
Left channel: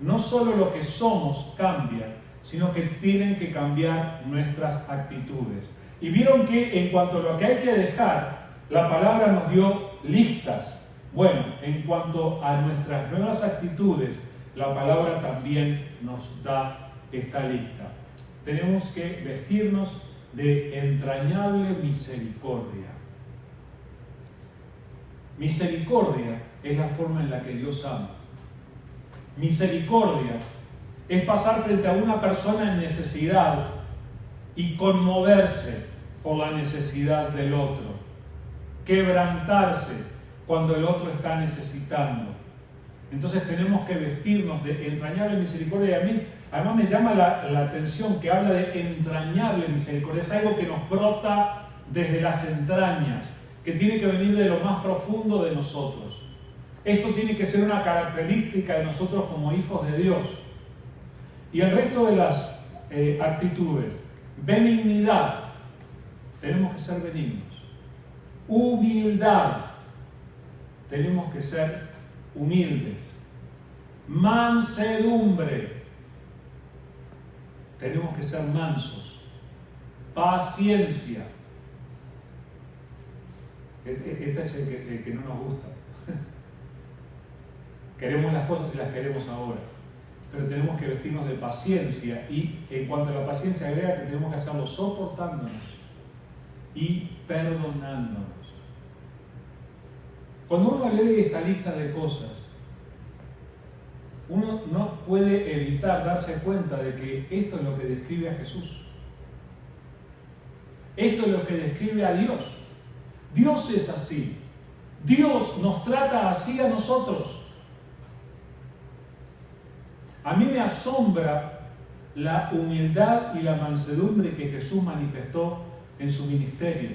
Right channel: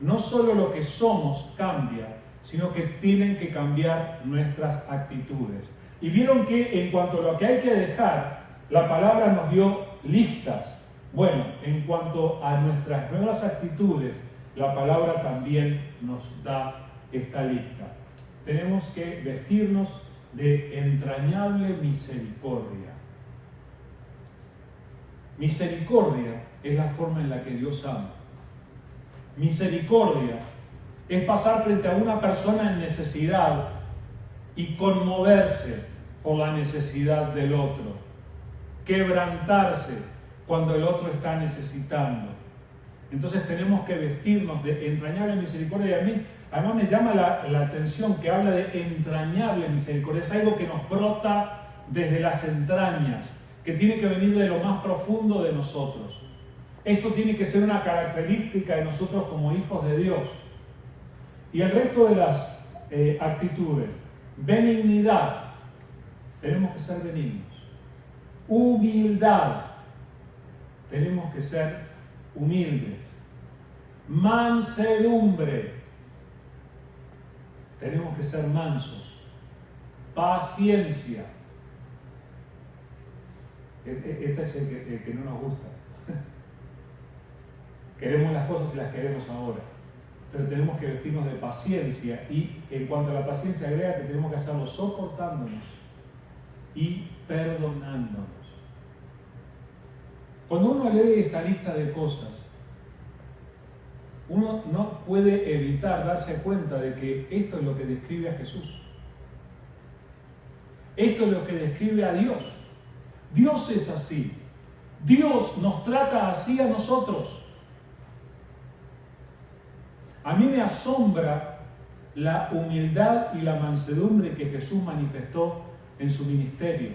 No solo lo que somos cambia, sino que tienen que cambiar nuestras actitudes. Y vieron que en cuanto a lo que hay que dejar, la palabra nos dio listas. Bueno, en cuanto a nuestras nuevas actitudes, la palabra también nos da esta lista. Tenemos que vestirnos de entrañable misericordia. Misericordia es la forma en la que Dios ama. Misericordia es pasar frente a una persona en necesidad y conmoverse por la necesidad del otro. Quebrantarse cuando el otro está necesitando. Entonces tenemos que vestirnos de entrañable misericordia. Y a mí, además, me llama la atención que habla de entrañable misericordia. Es algo que nos brota desde las entrañas, que tiene que venir de lo más profundo de nosotros. Esto tiene que ser una característica de nosotros como hijos de Dios. Y el resto de las actitudes. Benignidad. Tenemos que ser benignos. Humildad. Tenemos que ser humildes. Mansedumbre. Tenemos que ser mansos. Paciencia. Este es el que no nos gusta. Queremos las cosas y las queremos ahora. Pero tenemos que vestirnos de paciencia. Y en cuanto a la paciencia, agrega que tenemos que hacerlo soportándonos y perdonándonos. Cuando uno lee esta lista de cosas, uno no puede evitar darse cuenta de que esto es lo que describe a Jesús. Esto es lo que describe a Dios. Dios es así. Dios nos trata así a nosotros. A mí me asombra la humildad y la mansedumbre que Jesús manifestó en su ministerio.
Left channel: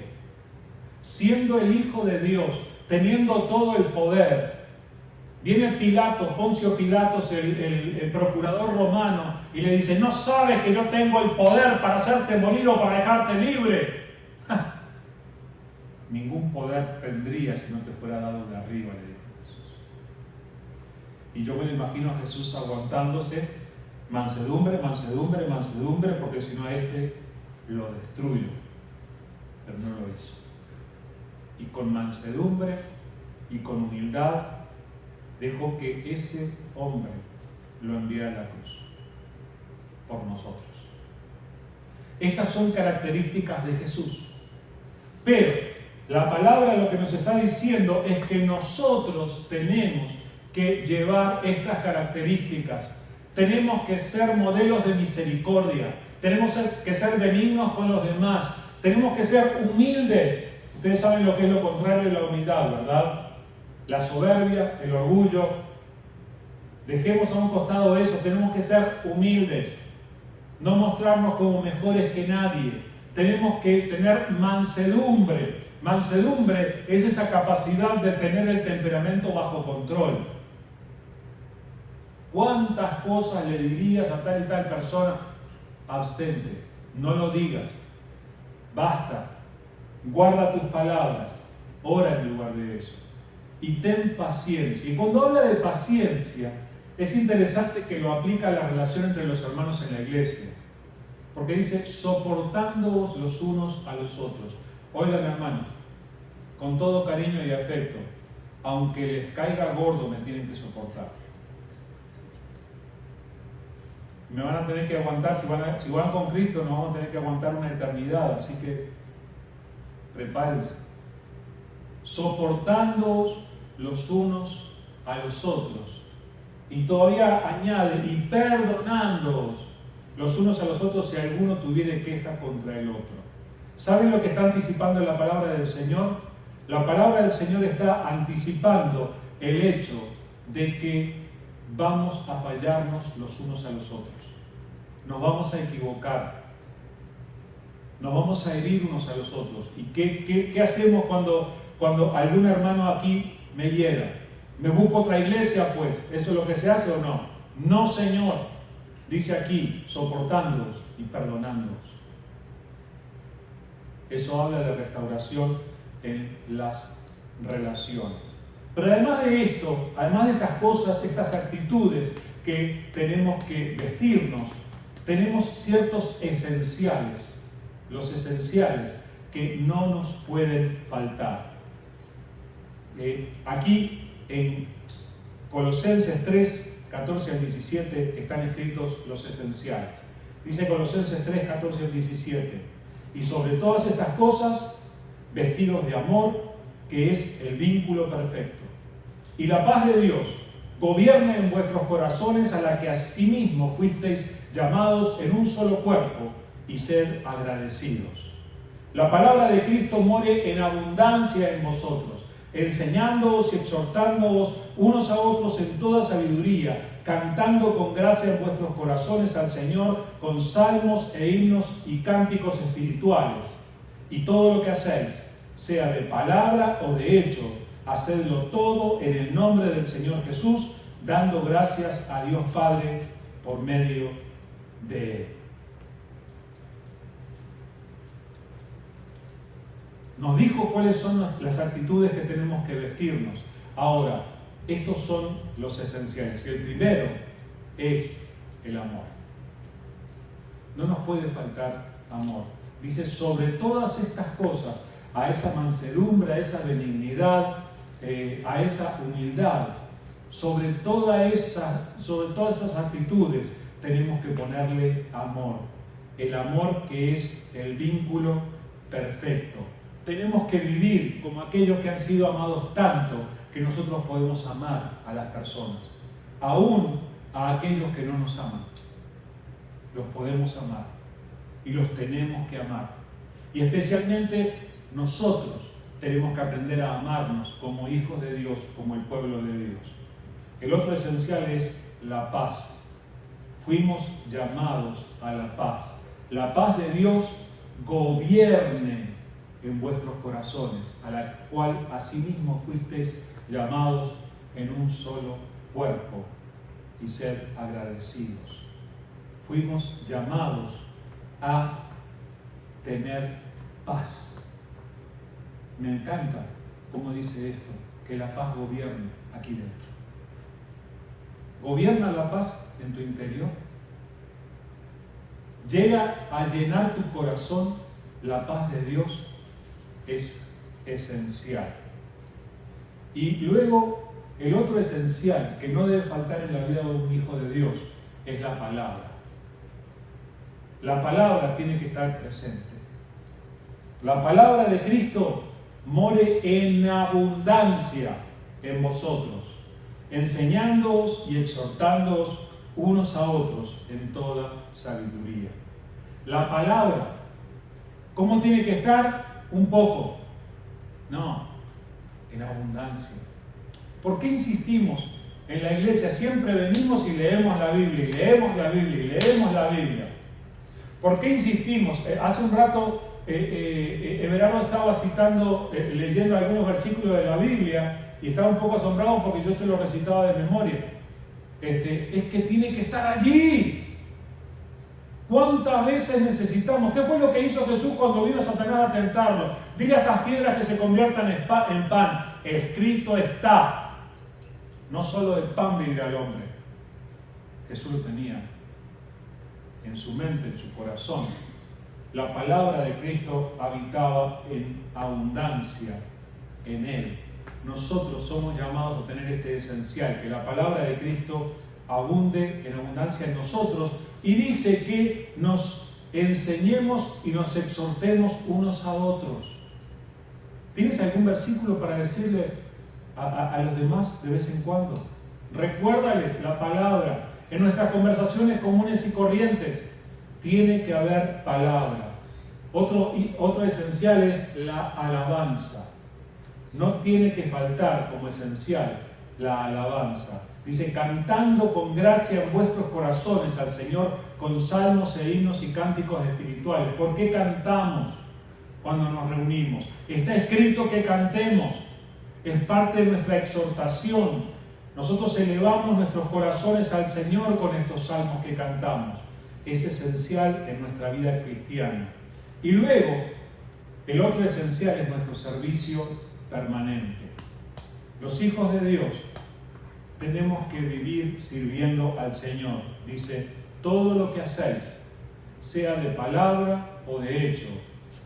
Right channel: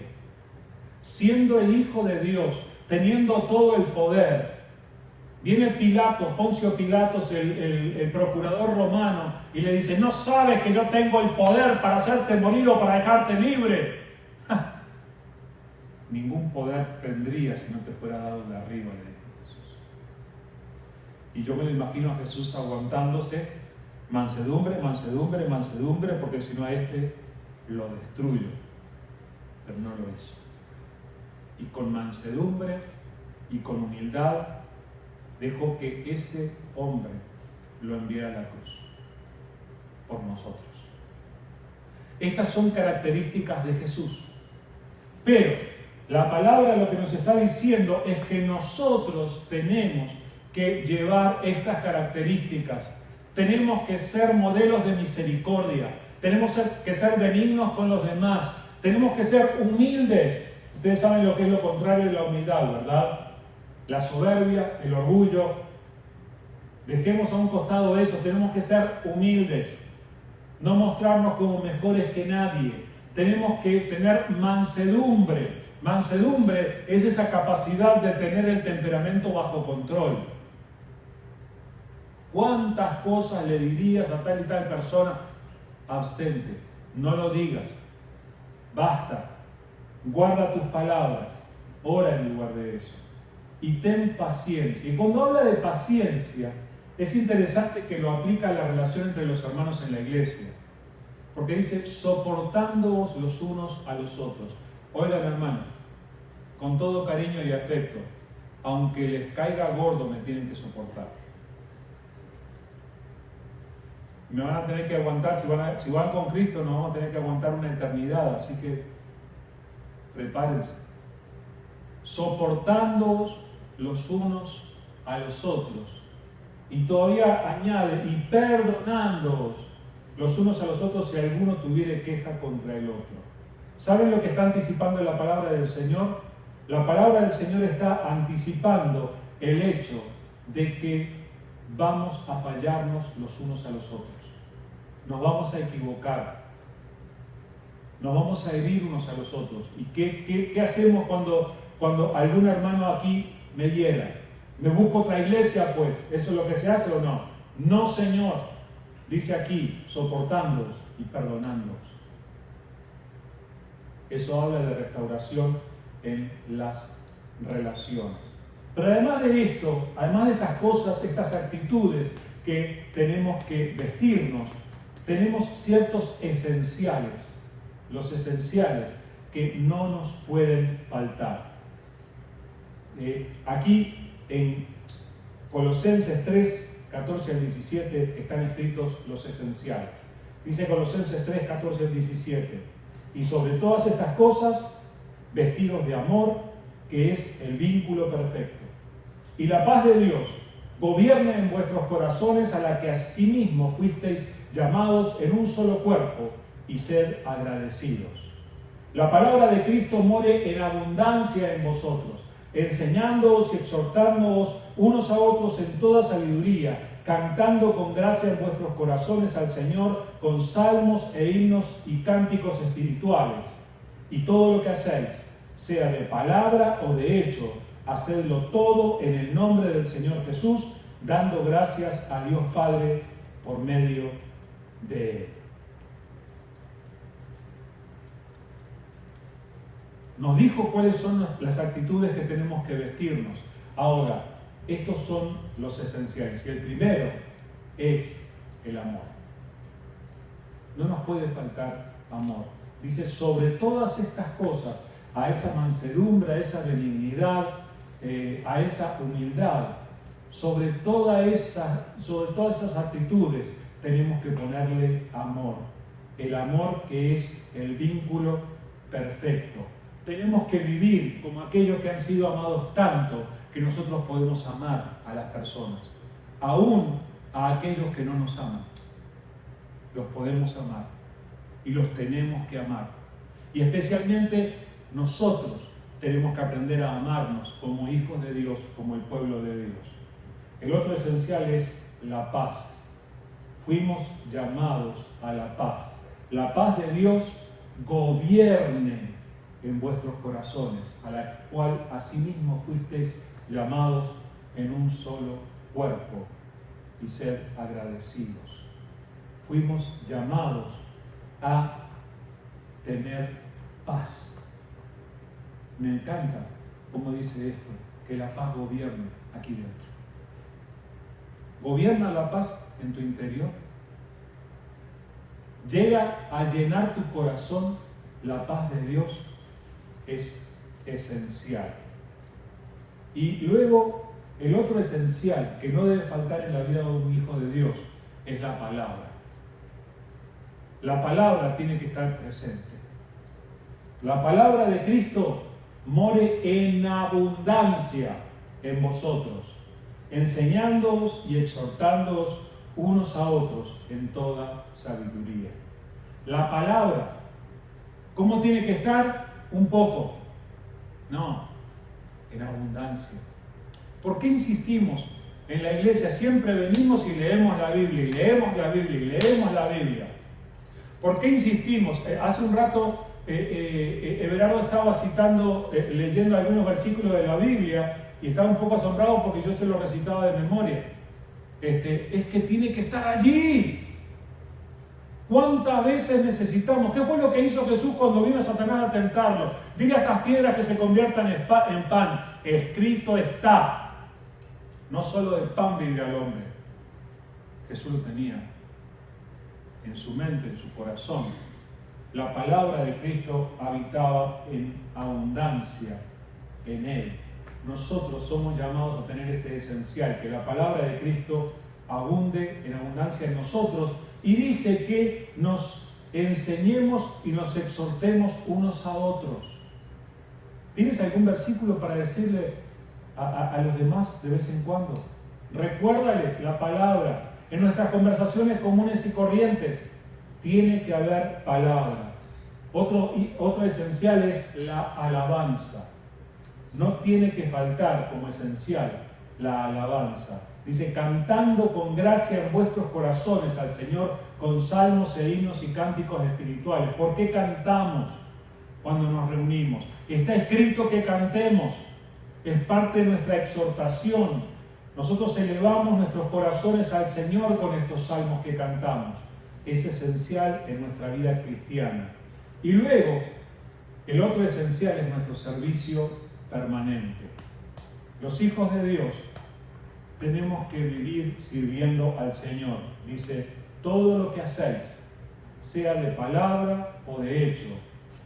Siendo el Hijo de Dios, teniendo todo el poder, viene Pilato, Poncio Pilatos, el procurador romano, y le dice: ¿no sabes que yo tengo el poder para hacerte morir o para dejarte libre? Ningún poder tendría si no te fuera dado de arriba, le dijo Jesús. Y yo me lo imagino a Jesús aguantándose, mansedumbre, mansedumbre, mansedumbre, porque si no a este lo destruyo. Pero no lo hizo. Y con mansedumbre y con humildad dejó que ese hombre lo enviara a la cruz por nosotros. Estas son características de Jesús. Pero la palabra lo que nos está diciendo es que nosotros tenemos que llevar estas características. Tenemos que ser modelos de misericordia. Tenemos que ser benignos con los demás. Tenemos que ser humildes. Ustedes saben lo que es lo contrario de la humildad, ¿verdad? La soberbia, el orgullo. Dejemos a un costado eso. Tenemos que ser humildes. No mostrarnos como mejores que nadie. Tenemos que tener mansedumbre. Mansedumbre es esa capacidad de tener el temperamento bajo control. ¿Cuántas cosas le dirías a tal y tal persona? Abstente, no lo digas, basta, guarda tus palabras, ora en lugar de eso. Y ten paciencia. Y cuando habla de paciencia, es interesante que lo aplica a la relación entre los hermanos en la iglesia. Porque dice, soportándoos los unos a los otros. Oigan, hermanos, con todo cariño y afecto, aunque les caiga gordo, me tienen que soportar. Me van a tener que aguantar, si van con Cristo, nos vamos a tener que aguantar una eternidad, así que prepárense. Soportándoos los unos a los otros. Y todavía añade, y perdonándoos los unos a los otros si alguno tuviere queja contra el otro. ¿Saben lo que está anticipando la palabra del Señor? La palabra del Señor está anticipando el hecho de que vamos a fallarnos los unos a los otros. Nos vamos a equivocar. Nos vamos a herir unos a los otros. ¿Y qué hacemos cuando algún hermano aquí me hiera? ¿Me busco otra iglesia, pues? ¿Eso es lo que se hace o no? No, Señor. Dice aquí, soportándoos y perdonándoos. Eso habla de restauración en las relaciones. Pero además de esto, además de estas cosas, estas actitudes que tenemos que vestirnos, tenemos ciertos esenciales, los esenciales que no nos pueden faltar. Aquí en Colosenses 3, 14 al 17 están escritos los esenciales. Dice Colosenses 3, 14 al 17, y sobre todas estas cosas, vestidos de amor, que es el vínculo perfecto. Y la paz de Dios gobierne en vuestros corazones, a la que asimismo fuisteis llamados en un solo cuerpo, y sed agradecidos. La palabra de Cristo more en abundancia en vosotros, enseñándoos y exhortándoos unos a otros en toda sabiduría, cantando con gracia en vuestros corazones al Señor con salmos e himnos y cánticos espirituales. Y todo lo que hacéis, sea de palabra o de hecho, hacedlo todo en el nombre del Señor Jesús, dando gracias a Dios Padre por medio de Él. Nos dijo cuáles son las actitudes que tenemos que vestirnos. Ahora, estos son los esenciales. Y el primero es el amor. No nos puede faltar amor. Dice, sobre todas estas cosas, a esa mansedumbre, a esa benignidad, a esa humildad, sobre todas esas actitudes, tenemos que ponerle amor. El amor que es el vínculo perfecto. Tenemos que vivir como aquellos que han sido amados tanto que nosotros podemos amar a las personas, aún a aquellos que no nos aman. Los podemos amar y los tenemos que amar. Y especialmente nosotros tenemos que aprender a amarnos como hijos de Dios, como el pueblo de Dios. El otro esencial es la paz. Fuimos llamados a la paz. La paz de Dios gobierne en vuestros corazones, a la cual asimismo fuisteis llamados en un solo cuerpo, y ser agradecidos. Fuimos llamados a tener paz. Me encanta cómo dice esto, que la paz gobierne aquí dentro. ¿Gobierna la paz en tu interior? ¿Llega a llenar tu corazón la paz de Dios? Es esencial. Y luego, el otro esencial que no debe faltar en la vida de un hijo de Dios es la palabra. La palabra tiene que estar presente. La palabra de Cristo more en abundancia en vosotros, enseñándoos y exhortándoos unos a otros en toda sabiduría. La palabra, ¿cómo tiene que estar? Un poco. No, en abundancia. ¿Por qué insistimos en la iglesia? Siempre venimos y leemos la Biblia, y leemos la Biblia, y leemos la Biblia. ¿Por qué insistimos? Hace un rato Everardo estaba leyendo algunos versículos de la Biblia y estaba un poco asombrado porque yo se lo recitaba de memoria. es que tiene que estar allí. ¿Cuántas veces necesitamos? ¿Qué fue lo que hizo Jesús cuando vino Satanás a tentarlo? Dile a estas piedras que se conviertan en pan. Escrito está. No solo de pan vivirá el hombre. Jesús lo tenía en su mente, en su corazón. La palabra de Cristo habitaba en abundancia en Él. Nosotros somos llamados a tener este esencial, que la palabra de Cristo abunde en abundancia en nosotros, y dice que nos enseñemos y nos exhortemos unos a otros. ¿Tienes algún versículo para decirle a los demás de vez en cuando? Recuérdales la palabra. En nuestras conversaciones comunes y corrientes tiene que haber palabra. Otro esencial es la alabanza. No tiene que faltar como esencial la alabanza. Dice, cantando con gracia en vuestros corazones al Señor con salmos e himnos y cánticos espirituales. ¿Por qué cantamos cuando nos reunimos? Está escrito que cantemos. Es parte de nuestra exhortación. Nosotros elevamos nuestros corazones al Señor con estos salmos que cantamos. Es esencial en nuestra vida cristiana. Y luego, el otro esencial es nuestro servicio permanente. Los hijos de Dios tenemos que vivir sirviendo al Señor. Dice, todo lo que hacéis, sea de palabra o de hecho,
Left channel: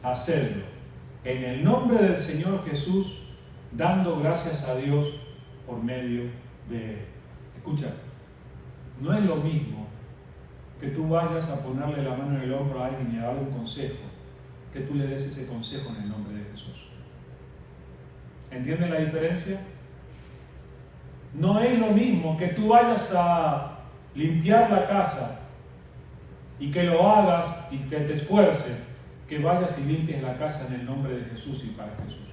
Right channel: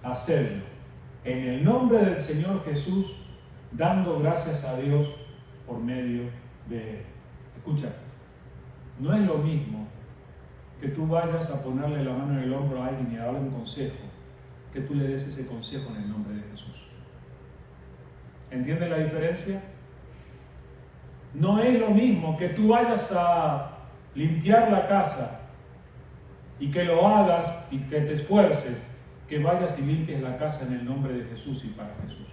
hacedlo en el nombre del Señor Jesús, dando gracias a Dios por medio de Él. Escucha, no es lo mismo que tú vayas a ponerle la mano en el hombro a alguien y a darle un consejo, que tú le des ese consejo en el nombre de Jesús. ¿Entienden la diferencia? No es lo mismo que tú vayas a limpiar la casa y que lo hagas y que te esfuerces, que vayas y limpies la casa en el nombre de Jesús y para Jesús.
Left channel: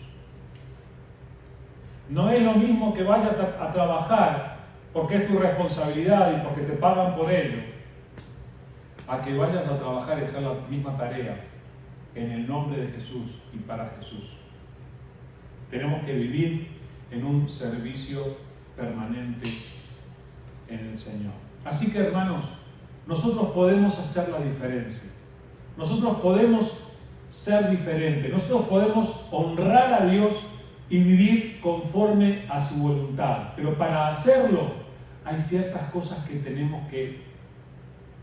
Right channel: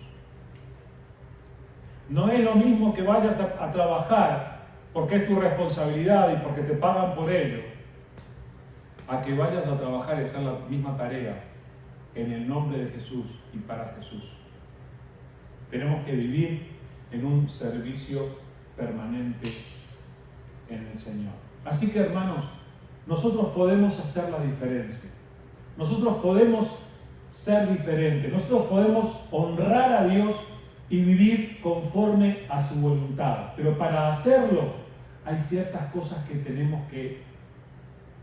No es lo mismo que vayas a trabajar porque es tu responsabilidad y porque te pagan por ello, a que vayas a trabajar y hacer la misma tarea en el nombre de Jesús y para Jesús. Tenemos que vivir en un servicio permanente en el Señor. Así que, hermanos, nosotros podemos hacer la diferencia. Nosotros podemos ser diferentes. Nosotros podemos honrar a Dios y vivir conforme a su voluntad. Pero para hacerlo hay ciertas cosas que tenemos que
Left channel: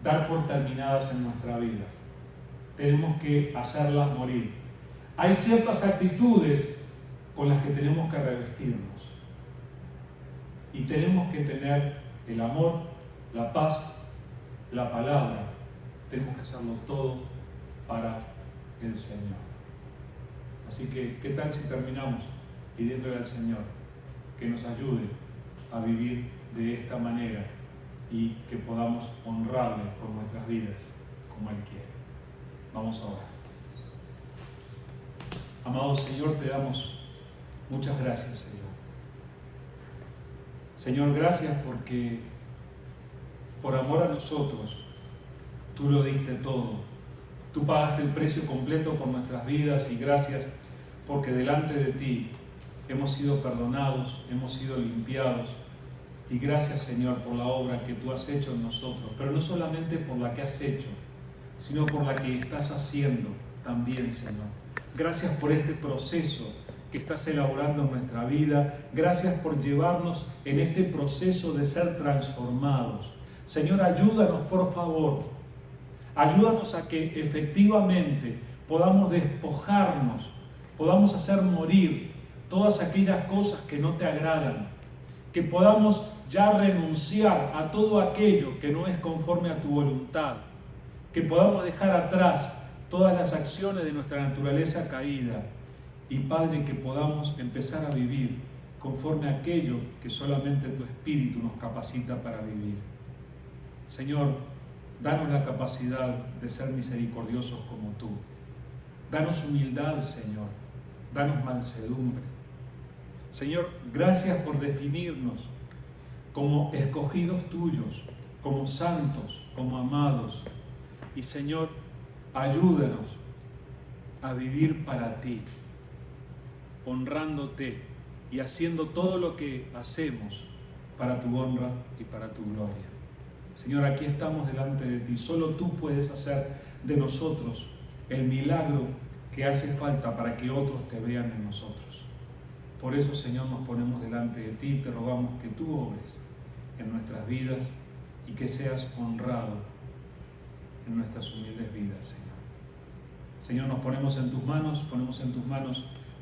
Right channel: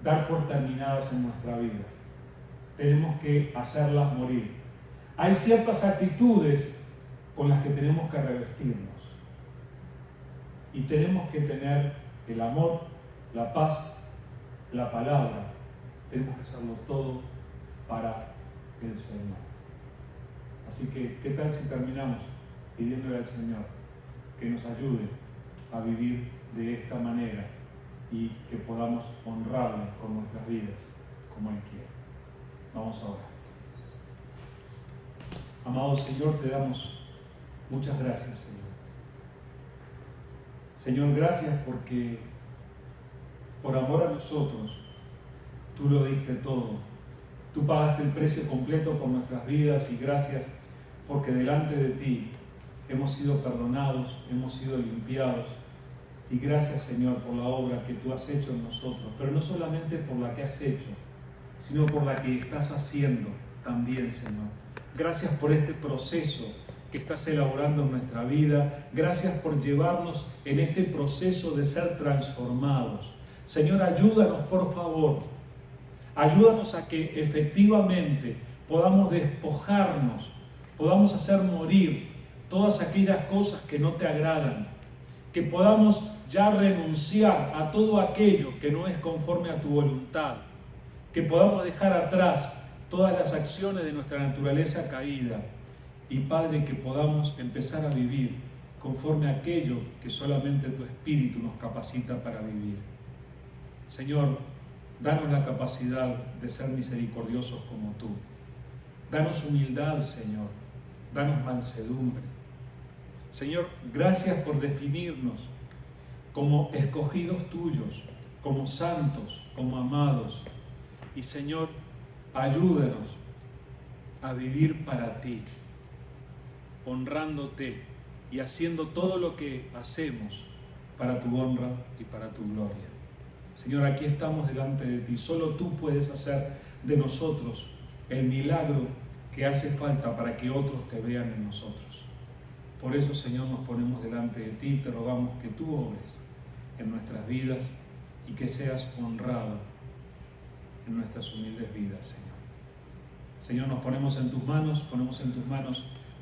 dar por terminadas en nuestra vida. Tenemos que hacerlas morir. Hay ciertas actitudes con las que tenemos que revestirnos. Y tenemos que tener el amor, la paz, la palabra. Tenemos que hacerlo todo para el Señor. Así que, ¿qué tal si terminamos pidiéndole al Señor que nos ayude a vivir de esta manera y que podamos honrarle con nuestras vidas como Él quiere? Vamos a orar. Amado Señor, te damos muchas gracias, Señor. Señor, gracias porque por amor a nosotros tú lo diste todo. Tú pagaste el precio completo por nuestras vidas y gracias porque delante de ti hemos sido perdonados, hemos sido limpiados. Y gracias, Señor, por la obra que tú has hecho en nosotros, pero no solamente por la que has hecho, sino por la que estás haciendo también, Señor. Gracias por este proceso que estás elaborando en nuestra vida. Gracias por llevarnos en este proceso de ser transformados. Señor, ayúdanos, por favor. Ayúdanos a que efectivamente podamos despojarnos, podamos hacer morir todas aquellas cosas que no te agradan, que podamos ya renunciar a todo aquello que no es conforme a tu voluntad, que podamos dejar atrás todas las acciones de nuestra naturaleza caída y, Padre, que podamos empezar a vivir conforme a aquello que solamente tu Espíritu nos capacita para vivir. Señor, danos la capacidad de ser misericordiosos como tú. Danos humildad, Señor. Danos mansedumbre. Señor, gracias por definirnos como escogidos tuyos, como santos, como amados. Y, Señor, ayúdanos a vivir para ti, honrándote y haciendo todo lo que hacemos para tu honra y para tu gloria. Señor, aquí estamos delante de ti. Solo tú puedes hacer de nosotros el milagro que hace falta para que otros te vean en nosotros. Por eso, Señor, nos ponemos delante de ti y te rogamos que tú obres en nuestras vidas y que seas honrado en nuestras humildes vidas, Señor. Señor, nos ponemos en tus manos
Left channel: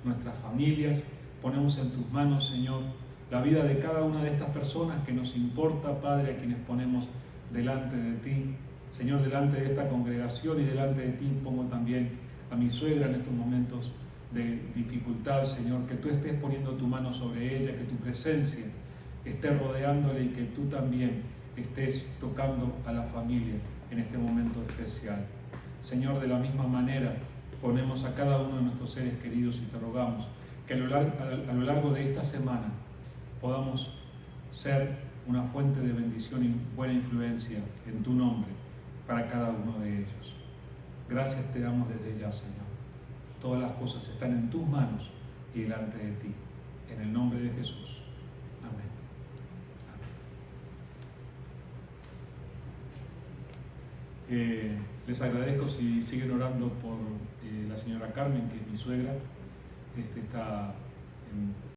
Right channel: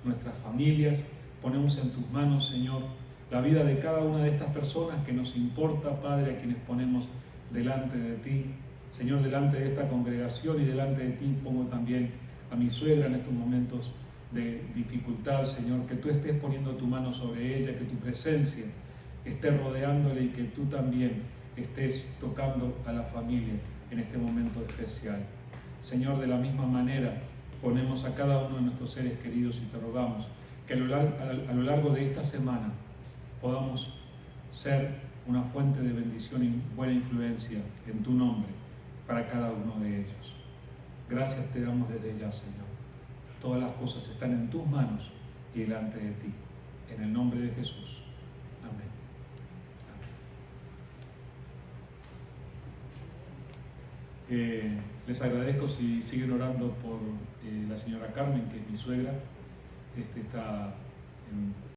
nuestras familias, ponemos en tus manos, Señor, la vida de cada una de estas personas que nos importa, Padre, a quienes ponemos delante de ti. Señor, delante de esta congregación y delante de ti pongo también a mi suegra en estos momentos de dificultad, Señor, que tú estés poniendo tu mano sobre ella, que tu presencia esté rodeándole y que tú también estés tocando a la familia en este momento especial. Señor, de la misma manera ponemos a cada uno de nuestros seres queridos y te rogamos que a lo largo de esta semana podamos ser una fuente de bendición y buena influencia en tu nombre para cada uno de ellos. Gracias te damos desde ya, Señor. Todas las cosas están en tus manos y delante de ti. En el nombre de Jesús. Amén. Les agradezco si siguen orando por la señora Carmen, que es mi suegra. Está en